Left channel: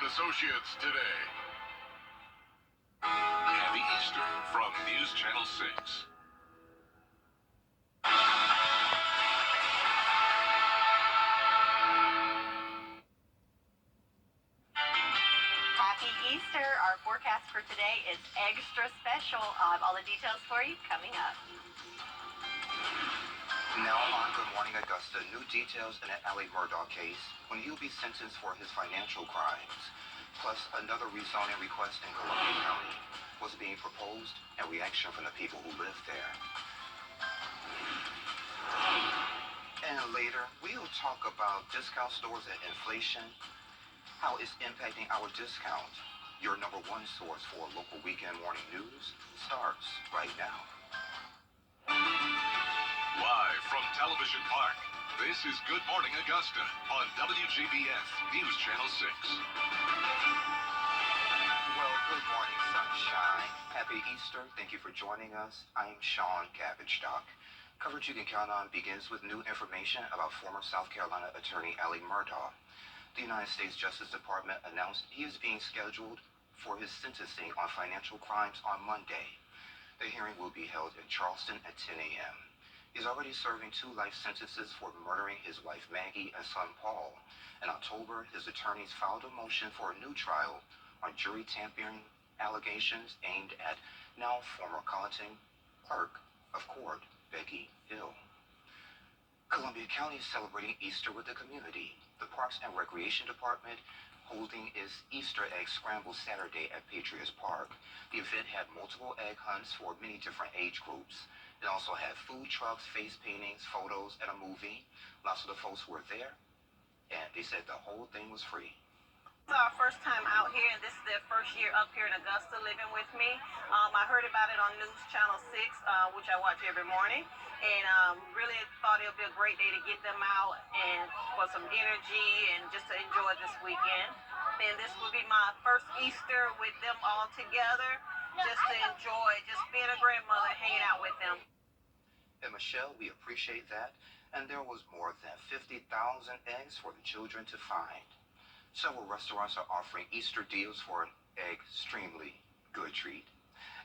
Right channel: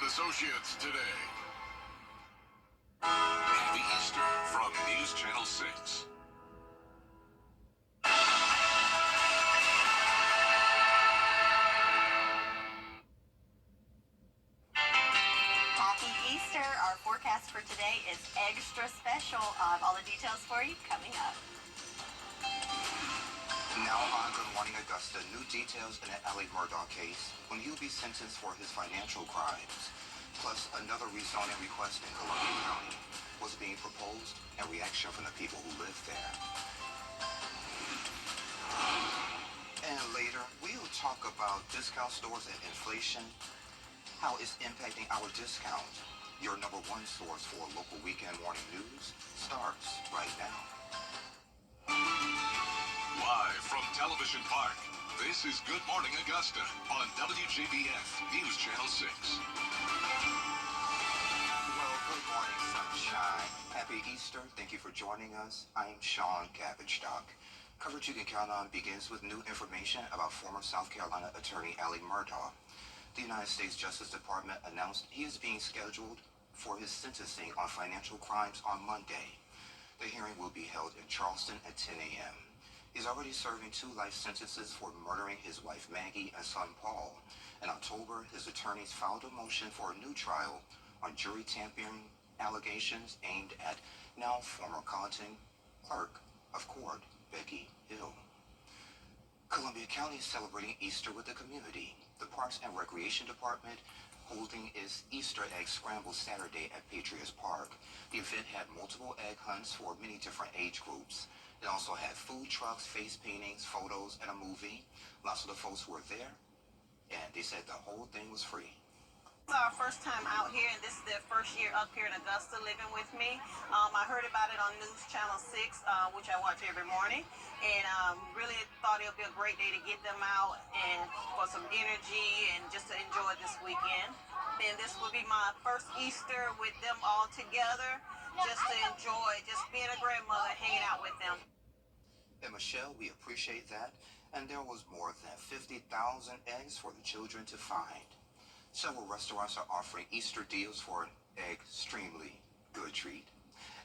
and Associates today. Happy Easter from News Channel 6. Happy Easter. Our forecast for today is extra special. I'll have all the details for you coming up. Now on Good Morning Augusta, new details in the Allie Murdaugh case when he'll be sentenced for his financial crimes. Plus, another rezoning request in Columbia County was being proposed and reaction from the people who live there. And later, we'll talk about discount stores and inflation, how it's impacting our discount. Your number one source for local weekend morning news starts right now. Live from Television Park, this is Good Morning Augusta on WJBF News Channel 6. Well, good morning, sunshine. Happy Easter. Thank you for joining us. I'm Sean Cabbage Doc. Coverage you can count on begins with new information about former South Carolina attorney Allie Murdaugh. The United States Justice Department announced he is being scheduled for his sentencing on financial crimes on Monday. The hearing will be held in Charleston at 10 a.m. He's already serving 2 life sentences for murdering his wife Maggie and son Paul. In October, his attorneys filed a motion for a new trial on jury tampering allegations aimed at now former Colleton clerk of court Becky Hill. Columbia County is celebrating Easter with the community. The Parks and Recreation Department holding its Easter egg scramble Saturday at Patriots Park. The event had multiple egg hunts for many different age groups. It also had food trucks, face paintings, photos, and a movie. Lots of the folks were there, and they said the whole thing was free. It's our first time out here, and this is their first year up here in Augusta living with me. I heard about it on News Channel 6, which I watch every morning, and really thought it would be a great day to get them out and for some energy and just to enjoy this weekend. And this will be my first Easter with them all together, just to enjoy just being a grandmother, hanging out with them. And Michelle, we appreciate that. And there was more than 50,000 eggs for the children to find. Several restaurants are offering Easter deals for an extremely good treat.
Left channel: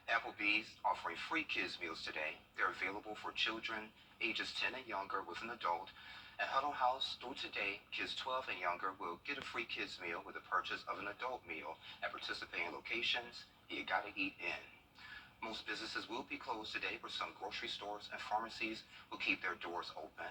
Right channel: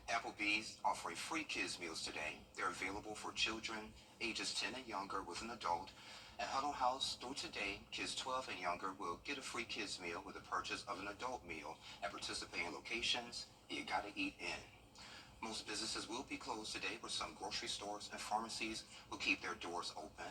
Applebee's offering free kids meals today. They're available for children ages 10 and younger with an adult. At Huddle House, through today, kids 12 and younger will get a free kids meal with the purchase of an adult meal at participating locations. You gotta eat in. Most businesses will be closed today, but some grocery stores and pharmacies will keep their doors open.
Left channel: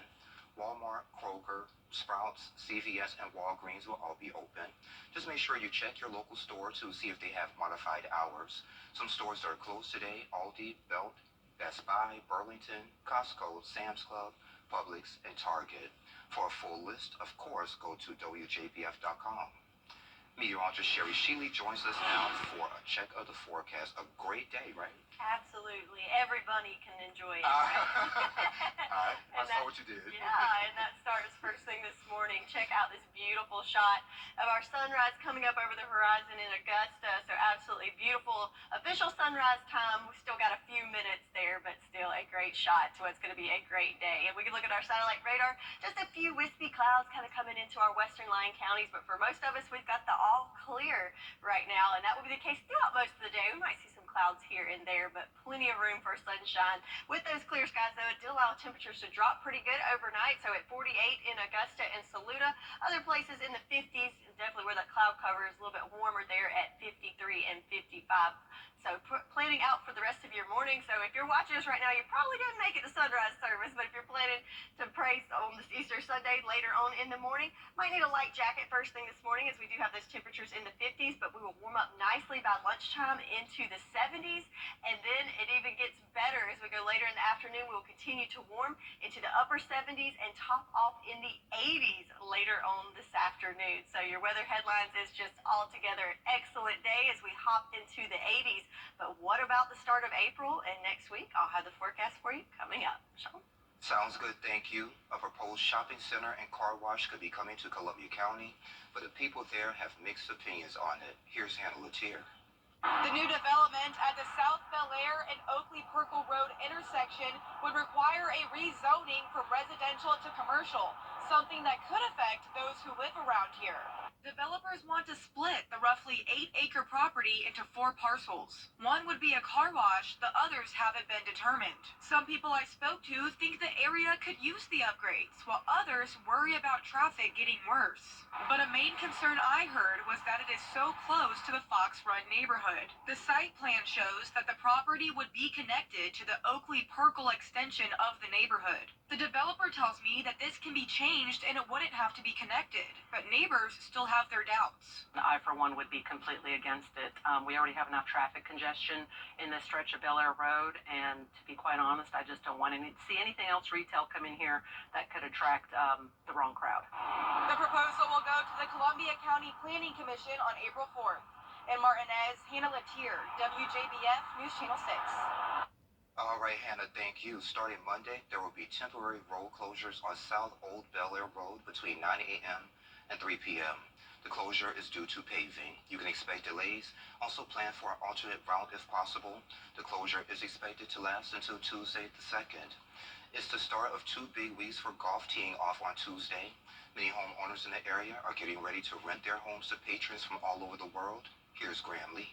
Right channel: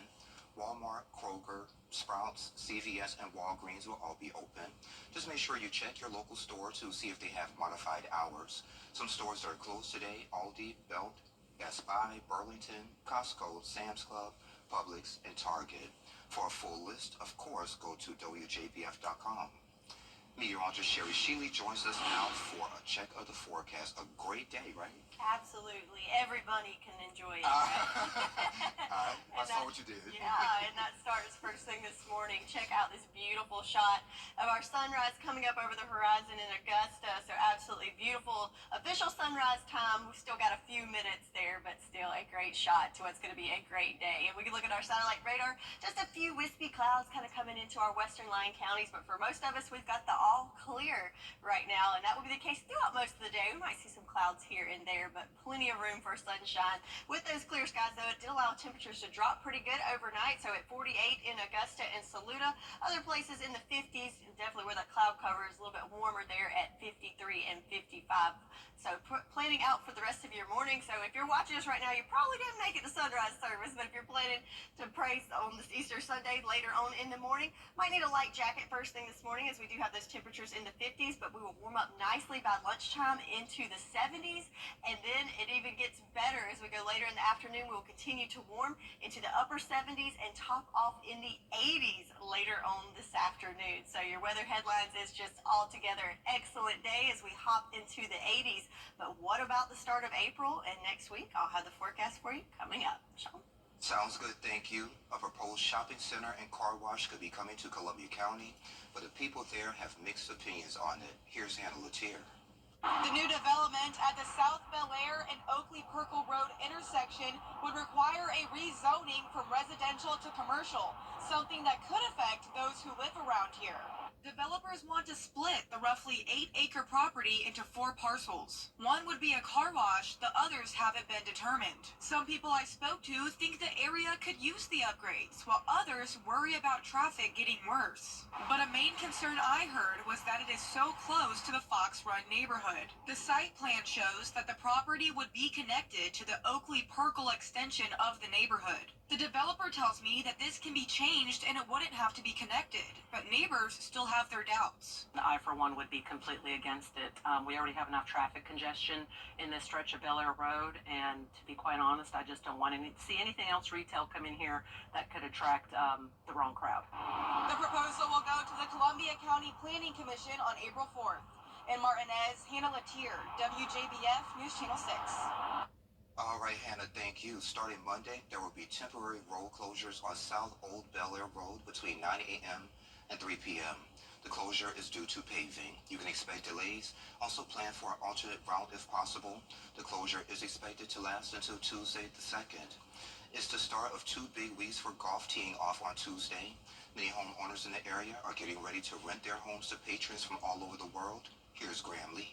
Walmart, Kroger, Sprouts, CVS, and Walgreens will all be open. Just make sure you check your local store to see if they have modified hours. Some stores that are closed today: Aldi, Belt, Best Buy, Burlington, Costco, Sam's Club, Publix, and Target. For a full list, of course, go to WJBF.com. Meteorologist Sherry Sheely joins us now for a check of the forecast. A great day, right? Absolutely. Everybody can enjoy it. All right. I saw what you did. Yeah, and that starts first thing this morning. Check out this beautiful shot of our sunrise coming up over the horizon in Augusta. So absolutely beautiful official sunrise time. We've still got a few minutes there, but still a great shot to what's going to be a great day. And we can look at our satellite radar. Just a few wispy clouds kind of coming into our western lying counties, but for most of us, we've got the all clear right now, and that will be the case throughout most of the day. We might see some clouds here and there, but plenty of room for sunshine. With those clear skies, though, it did allow temperatures to drop pretty good overnight. So at 48 in Augusta and Saluda, other places in the 50s, definitely where that cloud cover is a little bit warmer there at 53 and 55. So planning out for the rest of your morning. So if you're watching us right now, you probably didn't make it to sunrise service, but if you're planning to pray on this Easter Sunday later on in the morning, might need a light jacket first thing this morning, as we do have those temperatures in the 50s, but we will warm up nicely by lunchtime into the 70s, and then it even gets better as we go later in the afternoon. We will continue to warm into the upper 70s and top off in the 80s later on this afternoon. So your weather headlines is just altogether an excellent day as we hop into the 80s. But what about the start of April and next week? I'll have the forecast for you coming up. Sean? Sounds good, thank you. A proposed shopping center and car wash could be coming to Columbia County, but the people there have mixed opinions on it. Here's Hannah Latier. The new development at the South Bel Air and Oakley-Perkle Road intersection would require a rezoning from residential to commercial, something that could affect those who live around here. Developers want to split the roughly 8-acre property into 4 parcels. One would be a car wash, the others haven't been determined. Some people I spoke to think the area could use the upgrades, while others worry about traffic getting worse. But a main concern I heard was that it is so close to the Fox Run neighborhood. The site plan shows that the property would be connected to the Oakley-Perkle extension of the neighborhood. The developer tells me that this can be changed and it wouldn't have to be connected, but neighbors still have their doubts. I, for one, would be completely against it. We already have enough traffic congestion in this stretch of Bel Air Road, and to be quite honest, I just don't want to see anything else retail come in here that could attract the wrong crowd. The proposal will go to the Columbia County Planning Commission on April 4th. In Martinez, Hannah Latier, WJBF News Channel 6. All right, Hannah, thank you. Starting Monday, there will be temporary road closures on South Old Bel Air Road between 9 a.m. and 3 p.m. The closure is due to paving. You can expect delays. Also plan for an alternate route if possible. The closure is expected to last until Tuesday the 2nd. It's the start of 2 big weeks for golf teeing off on Tuesday. Many homeowners in the area are getting ready to rent their homes to patrons from all over the world. Here's Graham Lee.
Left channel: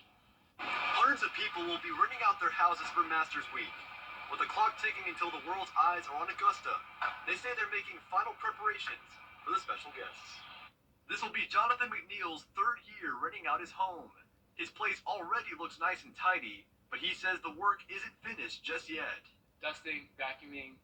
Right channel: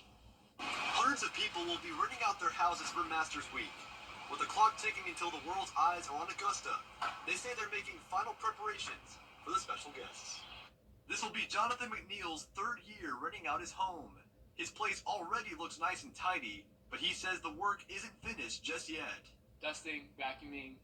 Hundreds of people will be renting out their houses for Masters Week. With the clock ticking until the world's eyes are on Augusta, they say they're making final preparations for the special guests. This will be Jonathan McNeil's 3rd year renting out his home. His place already looks nice and tidy, but he says the work isn't finished just yet. Dusting, vacuuming,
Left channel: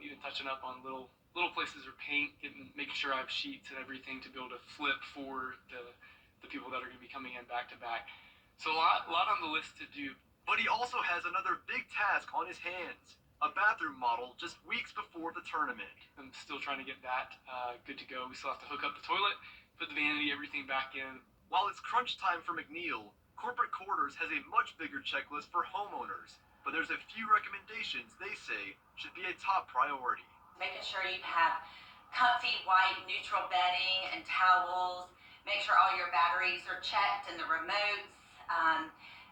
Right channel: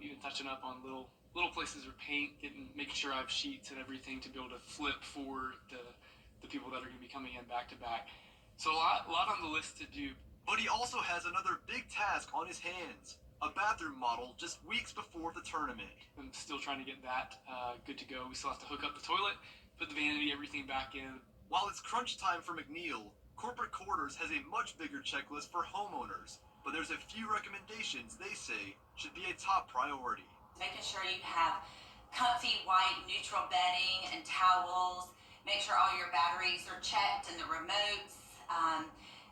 even touching up on little places or paint, making sure I have sheets and everything to be able to flip for the people that are going to be coming in back to back. So a lot on the list to do. But he also has another big task on his hands, a bathroom model just weeks before the tournament. I'm still trying to get that good to go. We still have to hook up the toilet, put the vanity, everything back in. While it's crunch time for McNeil, Corporate Quarters has a much bigger checklist for homeowners, but there's a few recommendations they say should be a top priority. Making sure you have comfy white neutral bedding and towels. Make sure all your batteries are checked and the remotes.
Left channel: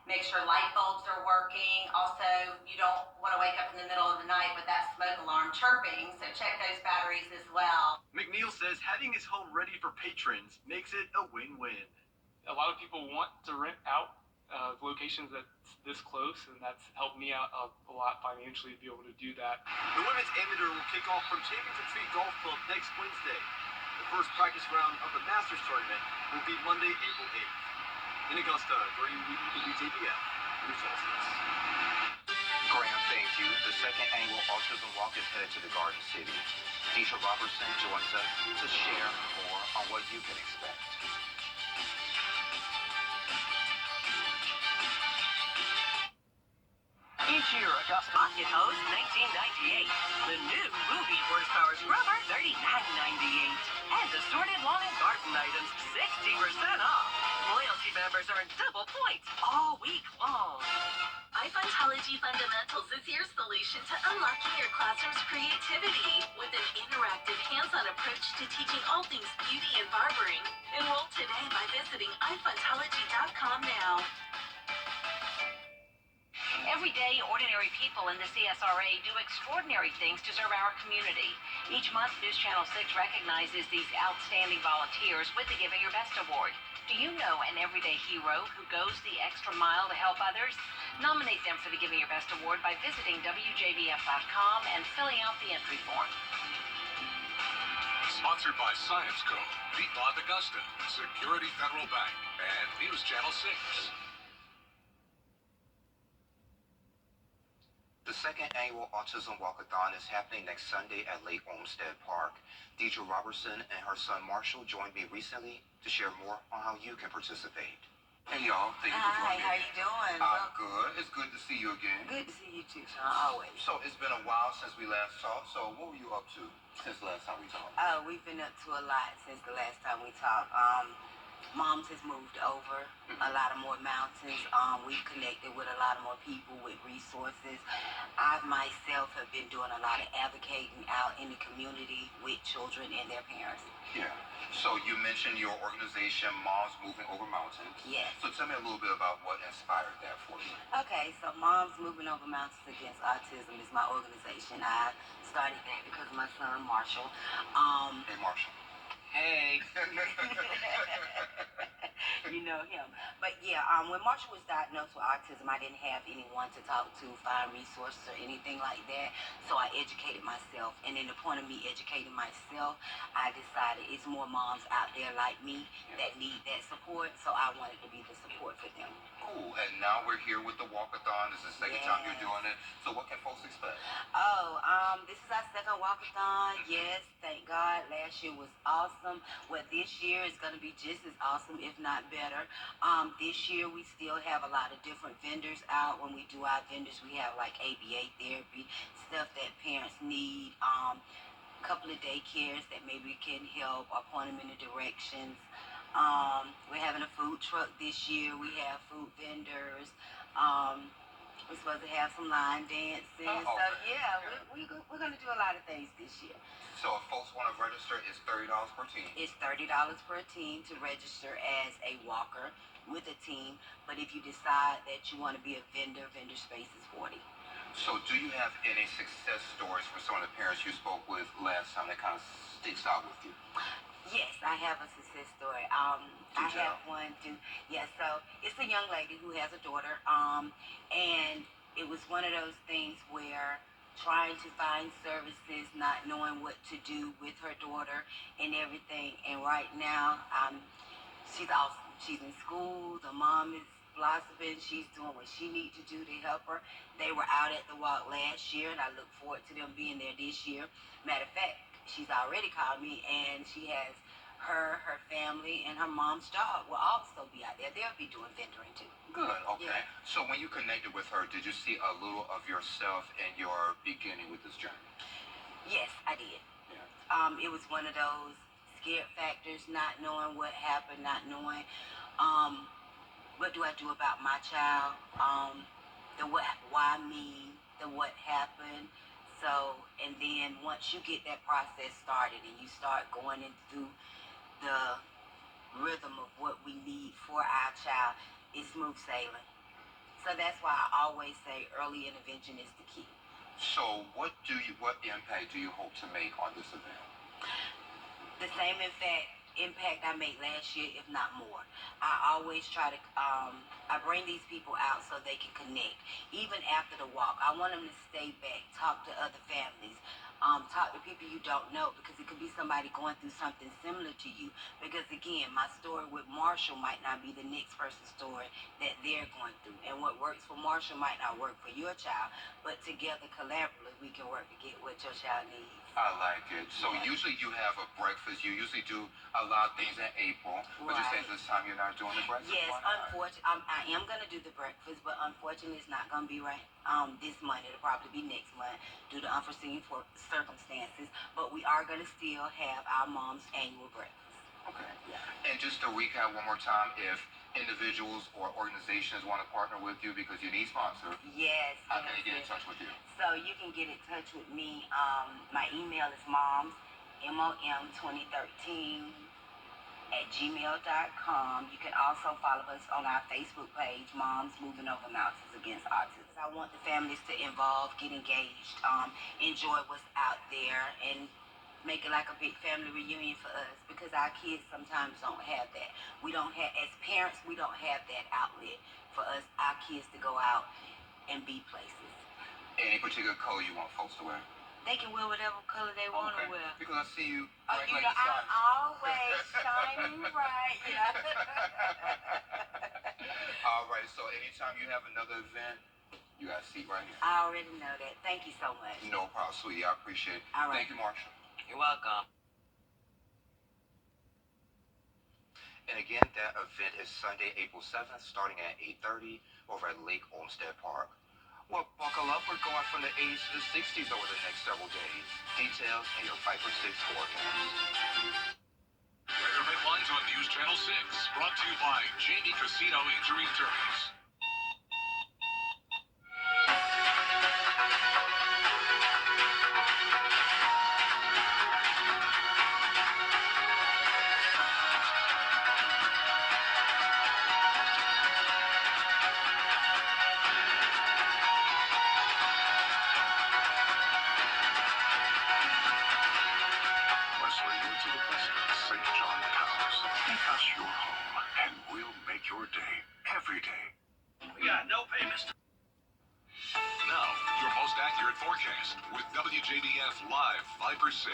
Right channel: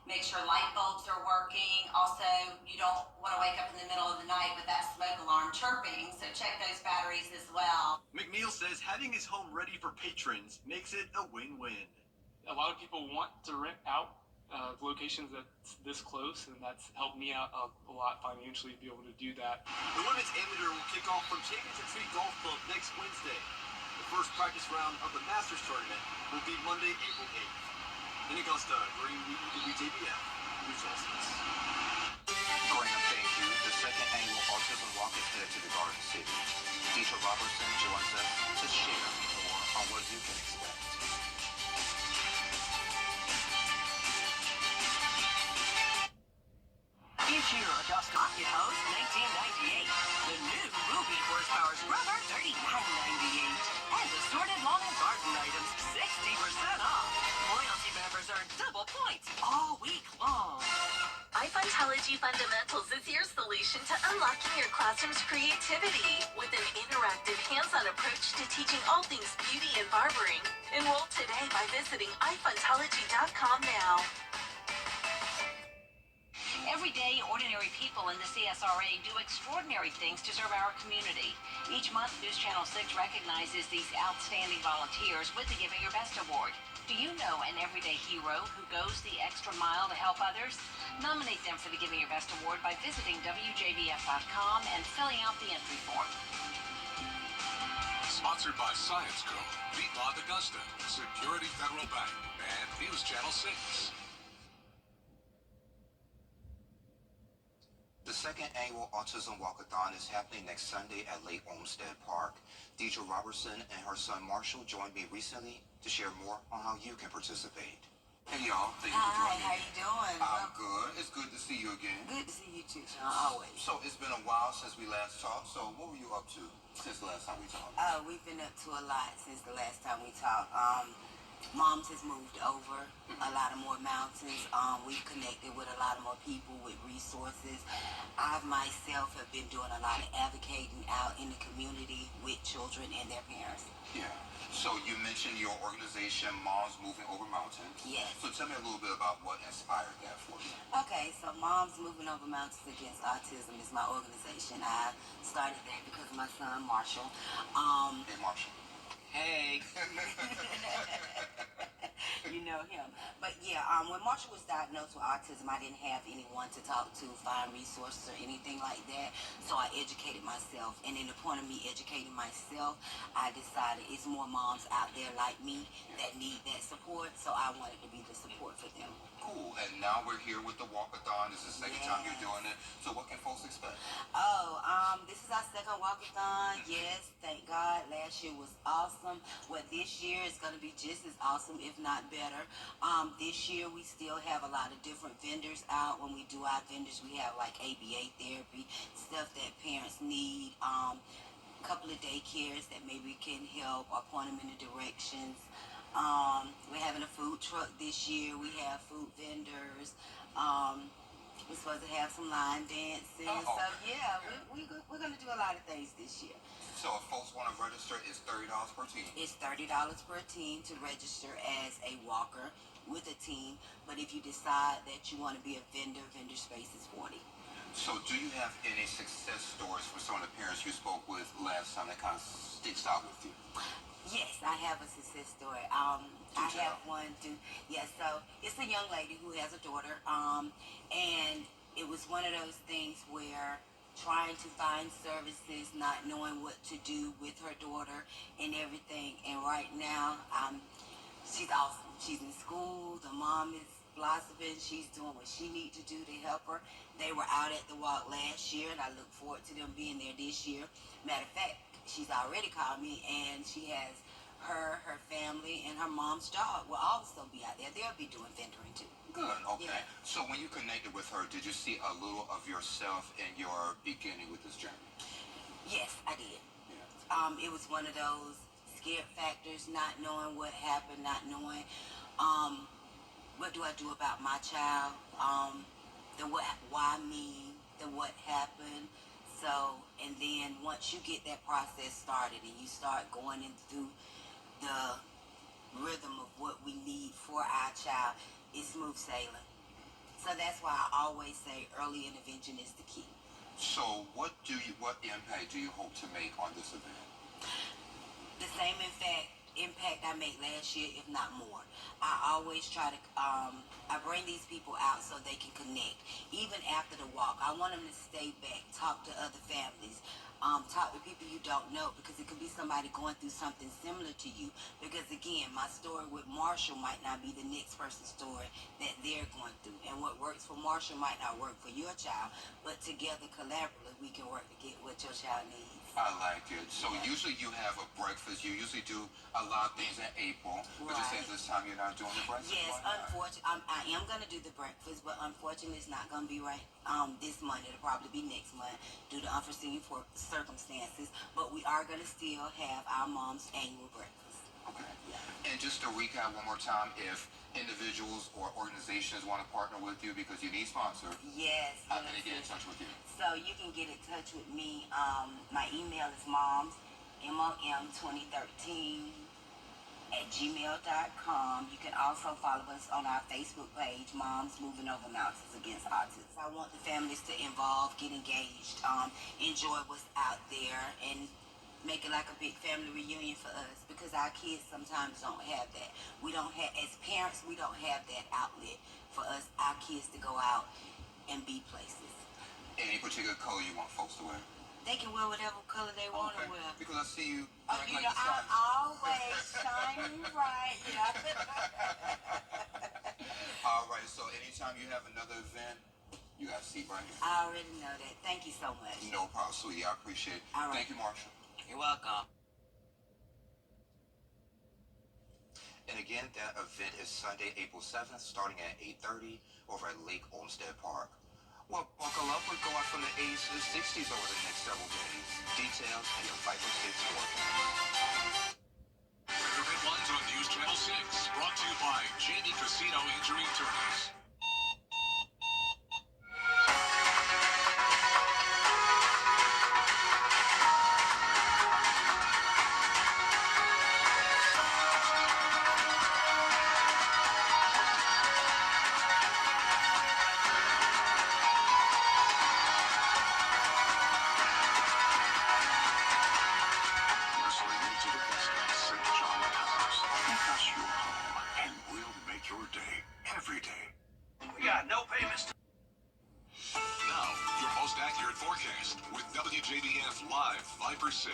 Make sure light bulbs are working. Also, you don't want to wake up in the middle of the night with that smoke alarm chirping, so check those batteries as well. McNeil says having his home ready for patrons makes it a win-win. A lot of people want to rent out locations that's this close, and that's helped me out a lot financially to be able to do that. The women's amateur will kick off from Championship Tree Golf Club next Wednesday. The first practice round of the Masters tournament will be Monday, April 8th. In Augusta, Graham Lee, WJBF News Channel 6. Graham, thank you. The 2nd annual Autism Walk is headed to the Garden City. Deisha Robertson joins us to share more on what you can expect. Each year, Augusta Rocket Hose, $19.98. The new Ruby Horsepower Scrubber, $39.98. And assorted lawn and garden items, 60% off. Loyalty members earn double points all week long. iFuntology Fundamentals is your solution to unlocking your classroom's creativity with an interactive, hands-on approach to teaching all things beauty and barbering. Enroll today by visiting iFuntology.com now. Every day, ordinary people in the CSRA do extraordinary things to serve our community. Each month, News Channel 6 recognizes these outstanding volunteers with the Giving Your Best Award. Do you know an everyday hero who goes the extra mile to help others? Nominate them for the Giving Your Best Award by visiting WJBF.com and filling out the entry form. Sponsored by Science Co., Piedmont Augusta, Security Federal Bank, and News Channel 6. The 2nd annual Autism Walkathon is happening next Sunday at Lake Olmsted Park. Deidre Robertson and her son Marshall joined me recently to share more on how you can participate. Hey y'all, thank you for joining me. Hi, how you doing? I'm good. It's good to see you again. Good to see you too, Sean, always. So it's been a while since we last talked. So what were you up to since the last time we talked? We've been up to a lot since the last time we talked. Mom's has moved over a lot of more mountains. We've connected with a lot of more people with resources. I myself have been doing a lot of advocating out in the community with children and their parents. Yeah. So you mentioned your organization, Moms Moving Over Mountains. Yes. So tell me a little bit about what inspired that for you. Okay, so Moms Moving Over Mountains Against Autism is my organization. I started that because of my son, Marshall. Hey, Marshall. Hey. You know him. But yeah, when Marshall was diagnosed with autism, I didn't have anyone to talk to, find resources or anything like that. So I educated myself. And in the point of me educating myself, I decided it's more moms out there like me that need that support. So I wanted to be the support for them. Cool. And now we're here with the walkathon. This is the second time you're doing it. So what can folks expect? Oh, this is our second walkathon. Yes, thank God. Last year was awesome. Well, this year is going to be just as awesome, if not better. This year we still have a lot of different vendors out. When we do our vendors, we have like ABA therapy, stuff that parents need. Couple of daycares that maybe can help or point them in the directions. We're having a food truck this year. We have food vendors. We're supposed to have some line dancing. So yeah, we're going to do a lot of things this year. So if folks want to register, it's $30 per team. It's $30 per team to register as a walker with a team. But if you decide that you want to be a vendor, vendor space is $40. So do you have any success stories from some of the parents you spoke with last time that kind of sticks out with you? Yes, I have a success story. I have one too. Yeah, so it's a young lady who has a daughter, and it was one of those things where trying to find services, not knowing what to do with her daughter and everything. And right now, she's awesome. She's in school. The mom is blossoming. She's doing what she needs to do to help her. They were out at the walk last year, and I look forward to them being there this year. Matter of fact, she's already called me, and she has her family, and her mom's dog will also be out there. They'll be doing vendoring too. Good, okay. Yeah. So when you connected with her, did you see a little of yourself in your beginning with this journey? Yes, I did. Yeah. It was one of those scared factors, not knowing what happened, not knowing what do I do about my child, the what, why me, the what happened. So, and then once you get that process started and you start going into the rhythm of what we need for our child, it's smooth sailing. So that's why I always say early intervention is the key. So what impact do you hope to make on this event? The same impact I made last year, if not more. I always try to, I bring these people out so they can connect. Even after the walk, I want them to stay back, talk to other families, talk to people you don't know, because it could be somebody going through something similar to you. Because again, my story with Marshall might not be the next person's story that they're going through. And what works for Marshall might not work for your child, but together, collaboratively, we can work to get what your child needs. I like it. So usually you have a breakfast. You usually do a lot of things in April. But you say this time you're not doing the breakfast? Yes, unfortunately, I am going to do the breakfast, but unfortunately it's not going to be right this month. It'll probably be next month due to unforeseen circumstances. But we are going to still have our mom's annual breakfast. Okay. Yeah. And just to recap one more time, if individuals or organizations want to partner with you because you need sponsors, yes, how can they get in touch with you? So you can get in touch with me. My email is mom2013@gmail.com. You can also follow us on our Facebook page, Moms Moving Over Mountains Against Autism. I want the families to involve, get engaged, enjoy what's out there, and make it like a big family reunion for us, because our kids sometimes don't have that. We don't have, as parents, we don't have that outlet for us, our kids, to go out and be places. Any particular color you want folks to wear? They can wear whatever color they want to wear. Because I see you you know, I'm always shining bright. Yeah. All right, so anytime you have another event, you got a seat right here. I already know that. Thank you so much. No problem, sweetie. I appreciate it. All right. Thank you, Marshall. You're welcome. And again, that event is Sunday, April 7th, starting at 8:30 over at Lake Olmsted Park. Well, buckle up. We're going from the 80s to the 60s over the next several days. Details in your 5 for 6 forecast. Weather headlines on News Channel 6, brought to you by Jamie Casino Injury Attorneys. Listening to the best of St. every day. We got no payments. Now, your most accurate forecast with WJBF Live 5 for 6.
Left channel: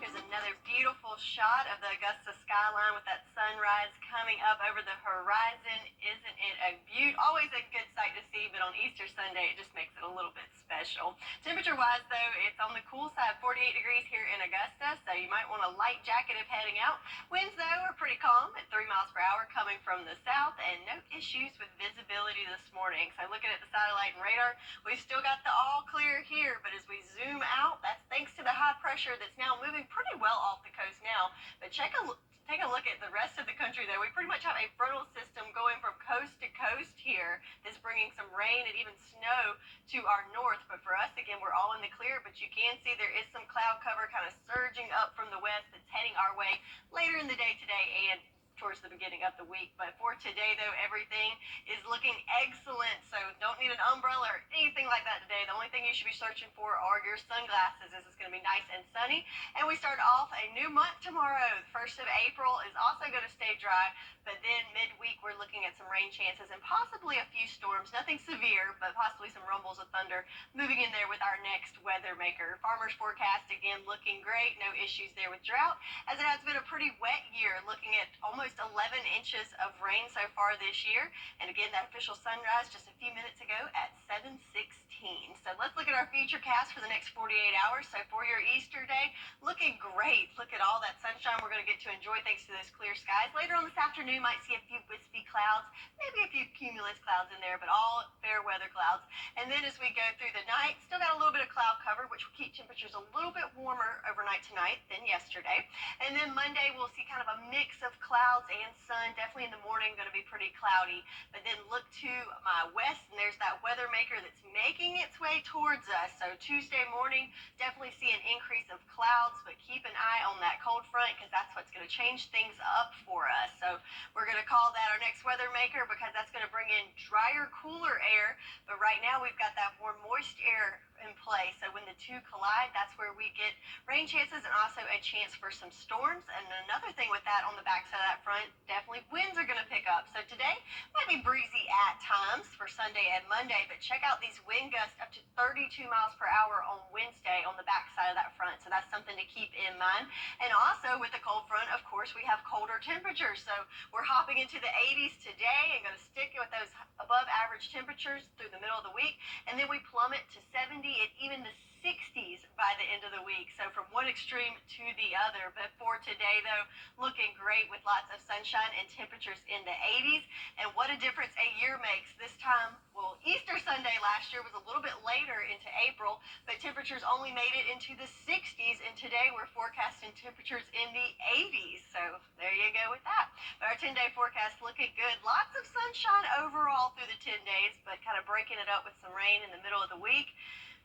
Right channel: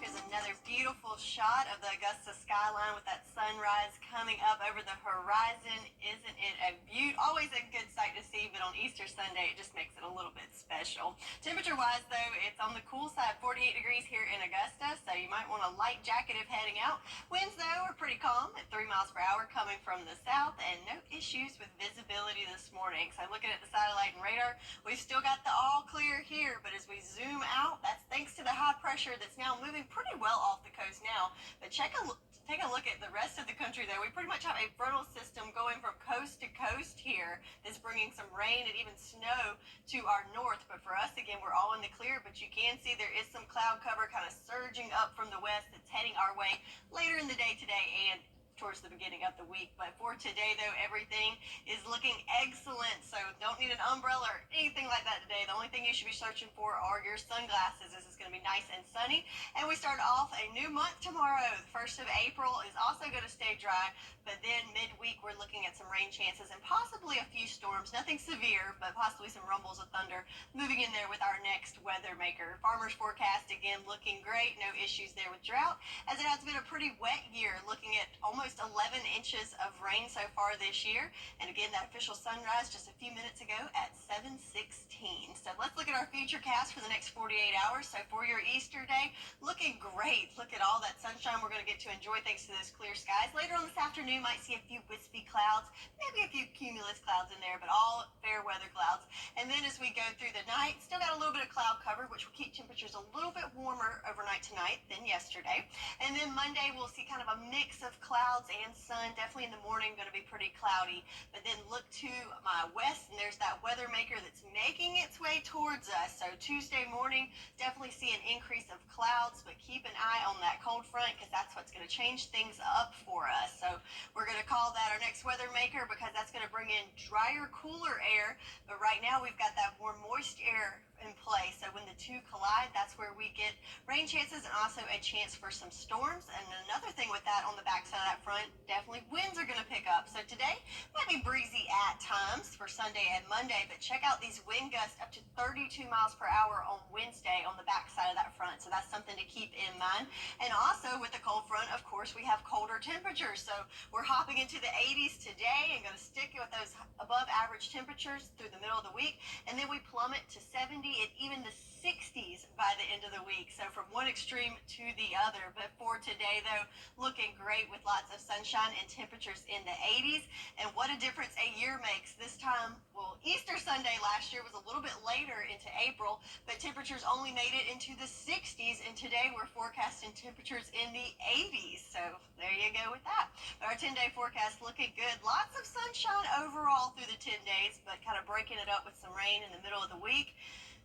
Here's another beautiful shot of the Augusta skyline with that sunrise coming up over the horizon. Isn't it a beaut? Always a good sight to see, but on Easter Sunday, it just makes it a little bit special. Temperature-wise, though, it's on the cool side, 48 degrees here in Augusta, so you might want a light jacket if heading out. Winds, though, are pretty calm at 3 miles per hour coming from the south, and no issues with visibility this morning. So looking at the satellite and radar, we've still got the all clear here, but as we zoom out, that's thanks to the high pressure that's now moving pretty well off the coast now. But take a look at the rest of the country there. We pretty much have a frontal system going from coast to coast here that's bringing some rain and even snow to our north. But for us, again, we're all in the clear, but you can see there is some cloud cover kind of surging up from the west that's heading our way later in the day today and towards the beginning of the week. But for today, though, everything is looking excellent, so don't need an umbrella or anything like that today. The only thing you should be searching for are your sunglasses, as it's going to be nice and sunny. And we start off a new month tomorrow. The 1st of April is also going to stay dry, but then midweek we're looking at some rain chances and possibly a few storms. Nothing severe, but possibly some rumbles of thunder moving in there with our next weather maker. Farmers forecast, again, looking great. No issues there with drought, as it has been a pretty wet year, looking at almost 11 inches of rain so far this year. And again, that official sunrise just a few minutes ago at 7:16. So let's look at our futurecast for the next 48 hours. So for your Easter day, looking great. Look at all that sunshine we're going to get to enjoy thanks to those clear skies. Later on this afternoon, might see a few wispy clouds, maybe a few cumulus clouds in there, but all fair weather clouds. And then as we go through the night, still got a little bit of cloud cover, which will keep temperatures a little bit warmer overnight tonight than yesterday. And then Monday, we'll see kind of a mix of clouds and sun. Definitely in the morning, going to be pretty cloudy. But then look to my west, and there's that weather maker that's making its way towards us. So Tuesday morning, definitely see an increase of clouds, but keep an eye on that cold front, because that's what's going to change things up for us. So we're going to call that our next weather maker, because that's going to bring in drier, cooler air. But right now, we've got that warm, moist air in play. So when the two collide, that's where we get rain chances and also a chance for some storms. And another thing with that on the backside of that front, definitely winds are going to pick up. So today might be breezy at times for Sunday and Monday, but check out these wind gusts up to 32 miles per hour on Wednesday on the backside of that front. So that's something to keep in mind. And also with the cold front, of course, we have colder temperatures. So we're hopping into the 80s today and going to stick with those above average temperatures through the middle of the week. And then we plummet to 70 and even the 60s by the end of the week. So from one extreme to the other. But for today, though, looking great with lots of sunshine and temperatures in the 80s. And what a difference a year makes. This time, well, Easter Sunday last year was a little bit later into April, but temperatures only made it into the 60s. And today we're forecasting temperatures in the 80s. So there you go with that. But our 10-day forecast looking good. Lots of sunshine overall through the 10 days, but kind of breaking it up with some rain in the middle of the week.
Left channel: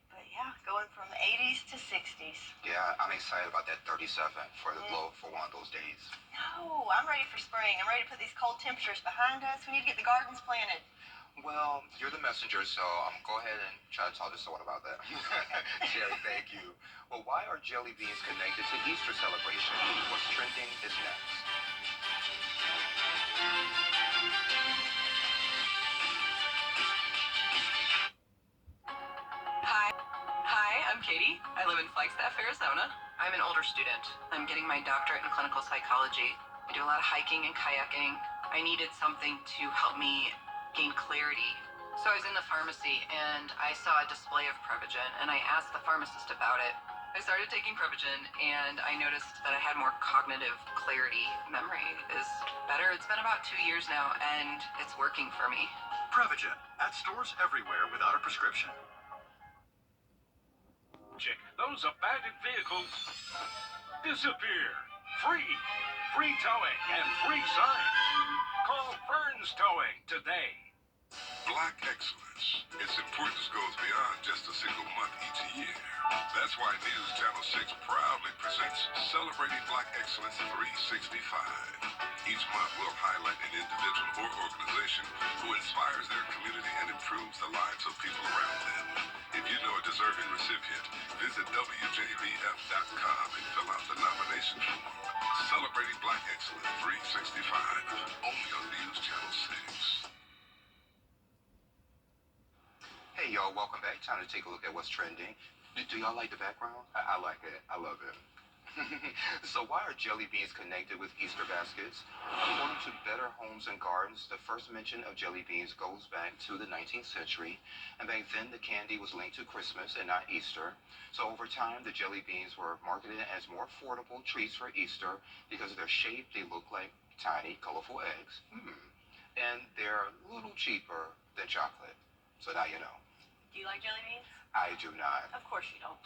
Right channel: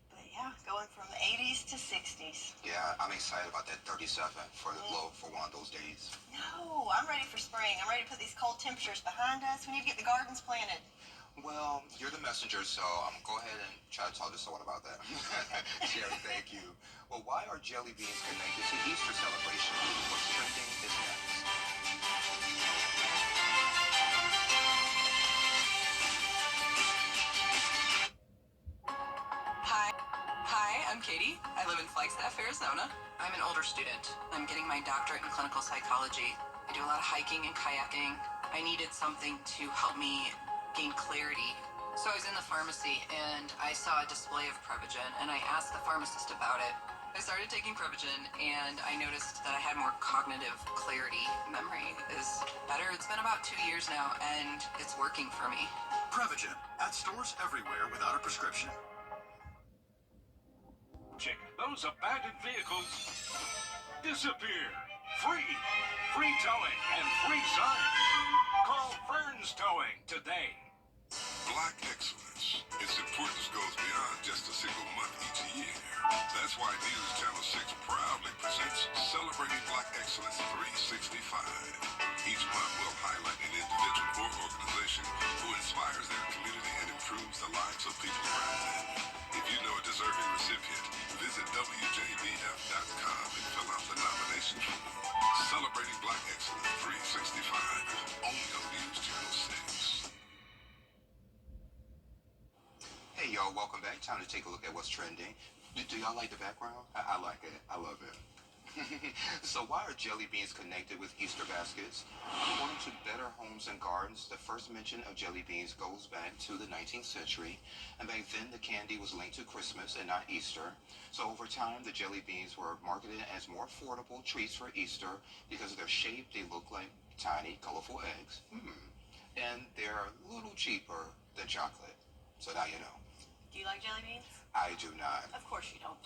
But yeah, going from the 80s to 60s. Yeah, I'm excited about that 37 for the low for one of those days. No, I'm ready for spring. I'm ready to put these cold temperatures behind us. We need to get the gardens planted. Well, you're the messenger, so I'm going to go ahead and try to talk to someone about that. Sherry, thank you. Well, why are jelly beans connected to Easter celebration? What's trending is next. Hi, I'm Katie. I live in Flagstaff, Arizona. I'm an older student. I'm getting my doctorate in clinical psychology. I do a lot of hiking and kayaking. I needed something to help me gain clarity. So I was in the pharmacy and I saw a display of Prevagen and I asked the pharmacist about it. I started taking Prevagen and I noticed that I had more cognitive clarity. Memory is better. It's been about 2 years now and it's working for me. Prevagen at stores everywhere without a prescription. Check. Those abandoned vehicles disappear. Free towing and free signs. Call Fern's Towing today. Black excellence. Its importance goes beyond just a single month each year. That's why News Channel 6 proudly presents Celebrating Black Excellence 365. Each month we'll highlight an individual or organization who inspires their community and improves the lives of people around them. If you know a deserving recipient, visit WJBF.com and fill out the nomination form. Celebrating Black Excellence 365, only on News Channel 6. Hey, y'all, welcome back. Time to take a look at what's trending. Do y'all like the background? I like it. I love it. So why are jelly beans connected with Easter baskets? According to Better Homes and Gardens, the first mention of jelly beans goes back to the 19th century, and back then the candy was linked to Christmas and not Easter. So over time, the jelly beans were marketed as more affordable treats for Easter because of their shape. They look like tiny, colorful eggs. And they're a little cheaper than chocolate. So now you know. Do you like jelly beans? I do not. Of course you don't.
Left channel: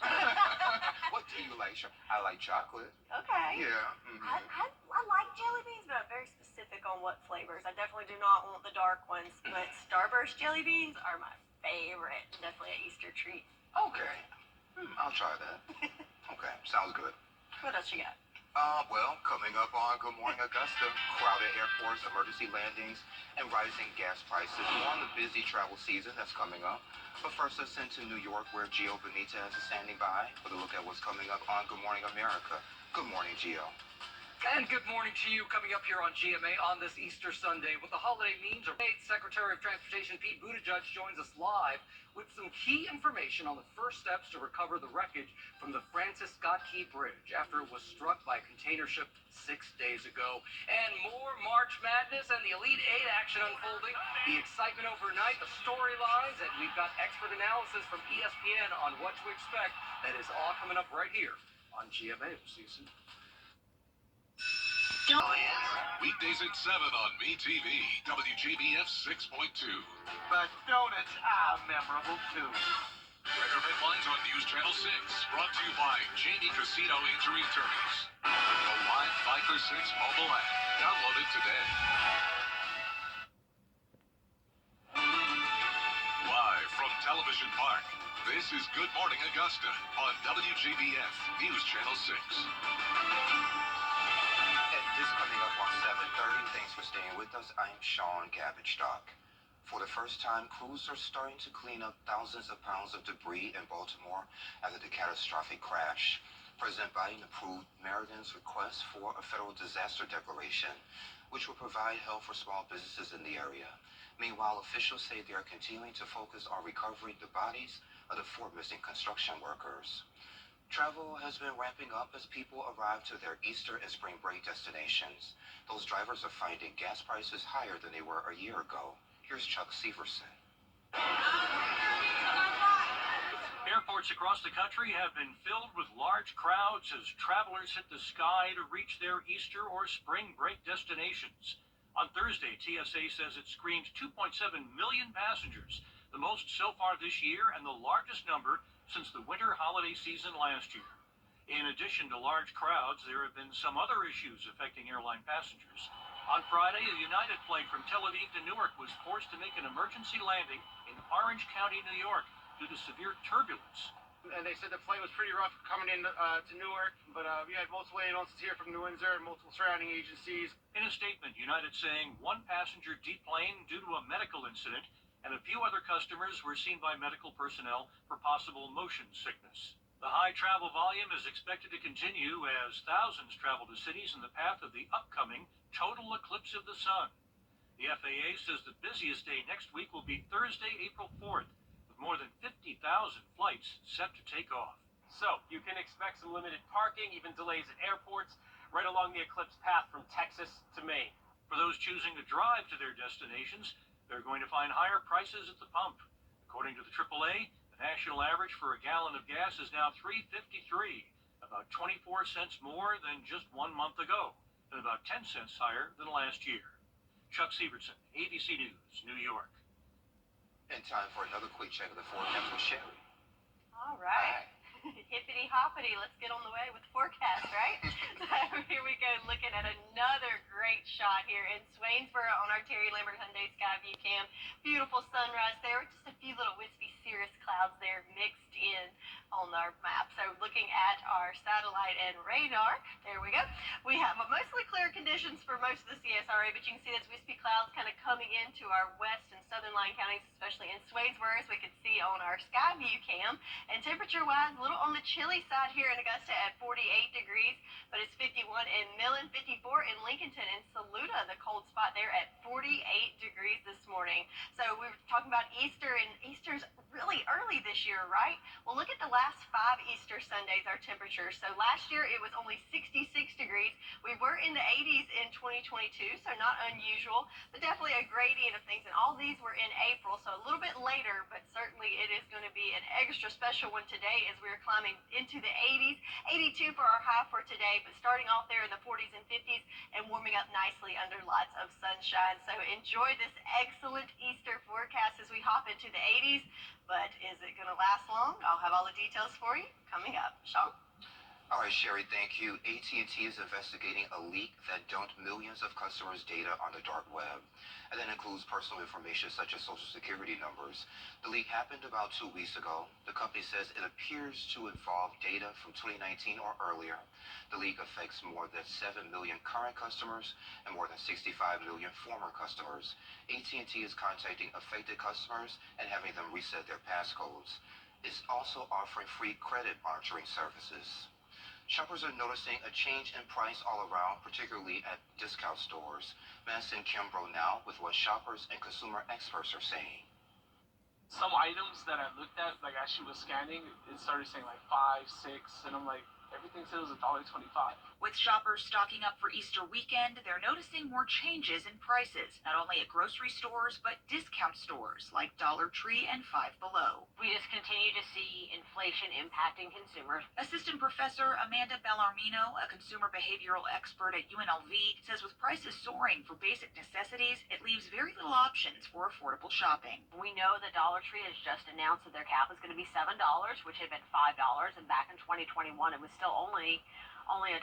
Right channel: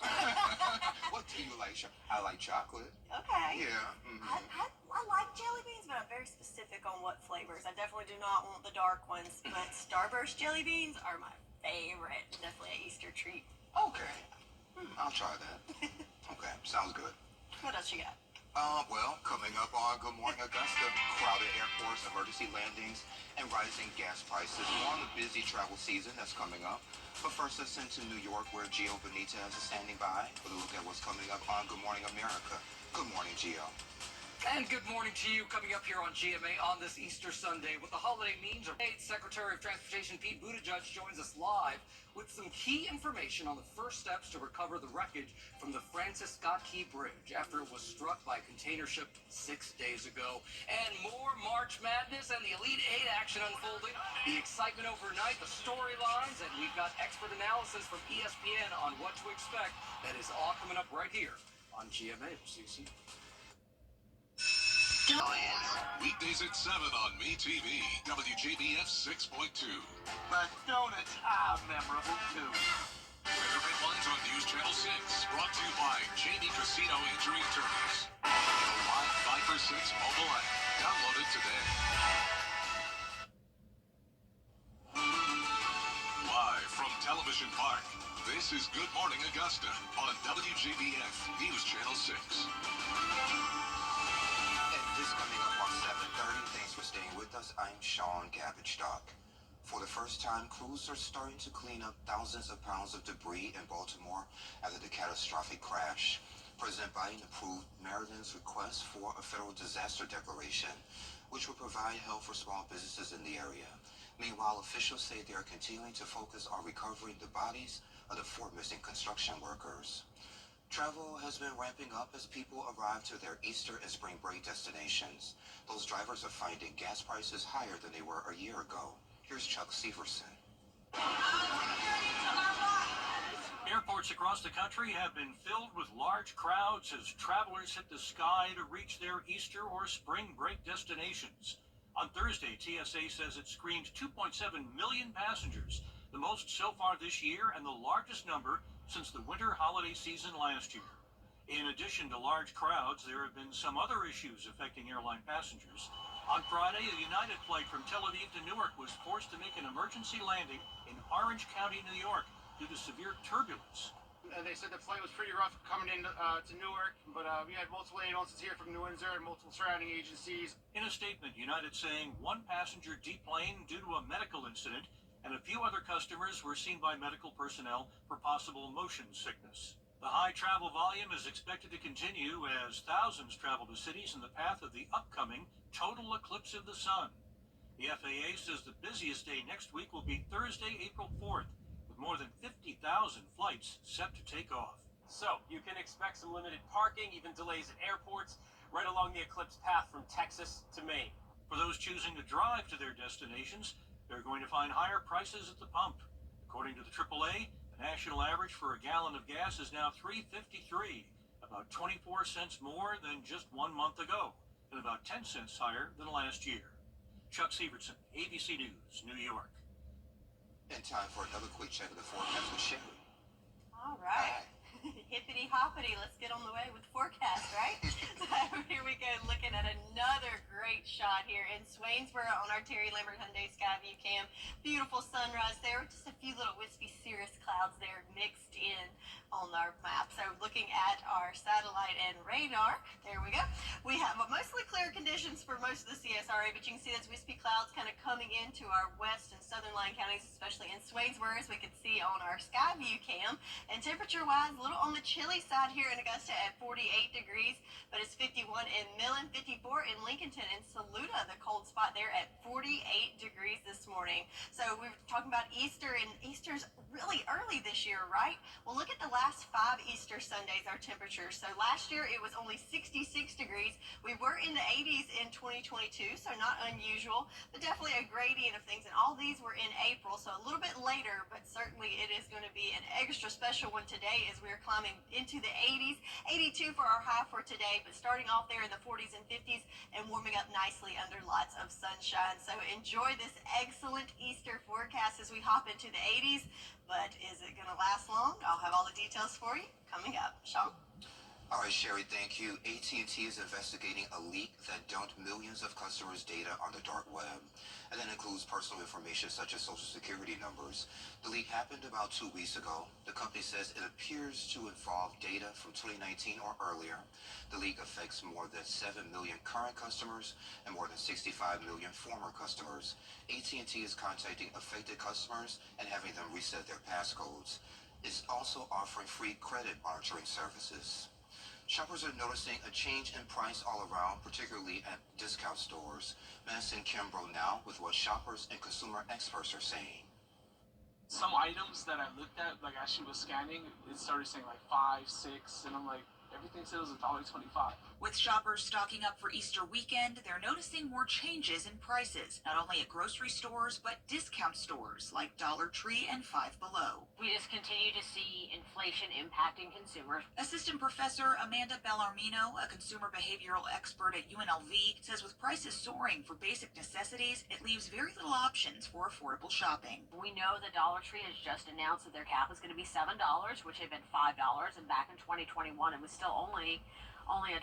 What do you like? I like chocolate. Okay. Yeah. I like jelly beans, but I'm very specific on what flavors. I definitely do not want the dark ones, but Starburst jelly beans are my favorite. Definitely an Easter treat. Okay. I'll try that. Okay, sounds good. What else you got? Well, coming up on Good Morning Augusta, crowded airports, emergency landings, and rising gas prices. More on the busy travel season that's coming up. But first, let's send to New York, where Gio Benitez is standing by with a look at what's coming up on Good Morning America. Good morning, Gio. And good morning to you, coming up here on GMA on this Easter Sunday. What the holiday means, Secretary of Transportation Pete Buttigieg joins us live with some key information on the first steps to recover the wreckage from the Francis Scott Key Bridge after it was struck by a container ship 6 days ago. And more March Madness and the Elite Eight action unfolding, the excitement overnight, the storylines, and we've got expert analysis from ESPN on what to expect. That is all coming up right here on GMA. We'll see you soon. Weekdays at 7 on MeTV, WJBF 6.2. But donuts are memorable too. Weather headlines on News Channel 6, brought to you by Jamie Casino Injury Attorneys. The live 5 for 6 mobile app. Download it today. Live from Television Park, this is Good Morning Augusta on WJBF News Channel 6. This coming up on 7:30. Thanks for staying with us. I'm Sean Gabage-Dock. For the first time, crews are starting to clean up thousands of pounds of debris in Baltimore after the catastrophic crash. President Biden approved Maryland's request for a federal disaster declaration, which will provide help for small businesses in the area. Meanwhile, officials say they are continuing to focus on recovering the bodies of the 4 missing construction workers. Travel has been ramping up as people arrive to their Easter and spring break destinations. Those drivers are finding gas prices higher than they were a year ago. Here's Chuck Severson. Airports across the country have been filled with large crowds as travelers hit the sky to reach their Easter or spring break destinations. On Thursday, TSA says it screened 2.7 million passengers, the most so far this year and the largest number since the winter holiday season last year. In addition to large crowds, there have been some other issues affecting airline passengers. On Friday, a United flight from Tel Aviv to Newark was forced to make an emergency landing in Orange County, New York, due to severe turbulence. And they said the flight was pretty rough coming in to Newark, but we had multiple announcements here from New Windsor and multiple surrounding agencies. In a statement, United saying 1 passenger deplaned due to a medical incident, and a few other customers were seen by medical personnel for possible motion sickness. The high travel volume is expected to continue as thousands travel to cities in the path of the upcoming total eclipse of the sun. The FAA says the busiest day next week will be Thursday, April 4th, with more than 50,000 flights set to take off. So, you can expect some limited parking, even delays at airports, right along the eclipse path from Texas to Maine. For those choosing to drive to their destinations, they're going to find higher prices at the pump. According to the AAA, the national average for a gallon of gas is now $3.53, about 24 cents more than just 1 month ago, and about 10 cents higher than last year. Chuck Severson, ABC News, New York. And time for another quick check of the forecast with Sherry. All right. Hippity hoppity, let's get on the way with the forecast, right? So here we go, looking at another great shot here in Swainsboro on our Terry Lambert Hyundai Skyview Cam. Beautiful sunrise there with just a few little wispy cirrus clouds there mixed in on our map. So looking at our satellite and radar, there we go. We have mostly clear conditions for most of the CSRA, but you can see those wispy clouds kind of coming into our west and southern line counties, especially in Swainsboro, as we could see on our Skyview Cam. And temperature-wise, a little on the chilly side here in Augusta at 48 degrees, but it's 51 in Millen, 54 in Lincolnton, and Saluda, the cold spot there at 48 degrees this morning. So we were talking about Easter, and Easter's really early this year, right? Well, look at the last 5 Easter Sundays, our temperatures. So last year it was only 66 degrees. We were in the 80s in 2022, so not unusual, but definitely a gradient of things. And all these were in April, so a little bit later, but certainly it is going to be an extra special one today as we're climbing into the 80s. 82 for our high for today, but starting off there in the 40s and 50s and warming up nicely under lots of sunshine. So enjoy this excellent Easter forecast as we hop into the 80s. But is it going to last long? I'll have all the details for you coming up. Sean? All right, Sherry, thank you. AT&T is investigating a leak that dumped millions of customers' data on the dark web. And that includes personal information such as social security numbers. The leak happened about 2 weeks ago. The company says it appears to involve data from 2019 or earlier. The leak affects more than 7 million current customers and more than 65 million former customers. AT&T is contacting affected customers and having them reset their passcodes. It's also offering free credit monitoring services. Shoppers are noticing a change in price all around, particularly at discount stores. Madison Kimbrough now with what shoppers and consumer experts are saying. Some items that I looked at, like as she was scanning, it started saying like 5, 6, and I'm like, everything says $1.25. With shoppers stocking up for Easter weekend, they're noticing more changes in prices, not only at grocery stores, but discount stores like Dollar Tree and Five Below. We just continue to see inflation impacting consumers. Assistant Professor Amanda Bellarmino, a consumer behavioral expert at UNLV, says with prices soaring for basic necessities, it leaves very little options for affordable shopping. We know that Dollar Tree has just announced that their cap is going to be $7, which had been $5, and back in 2021 it was still only $1.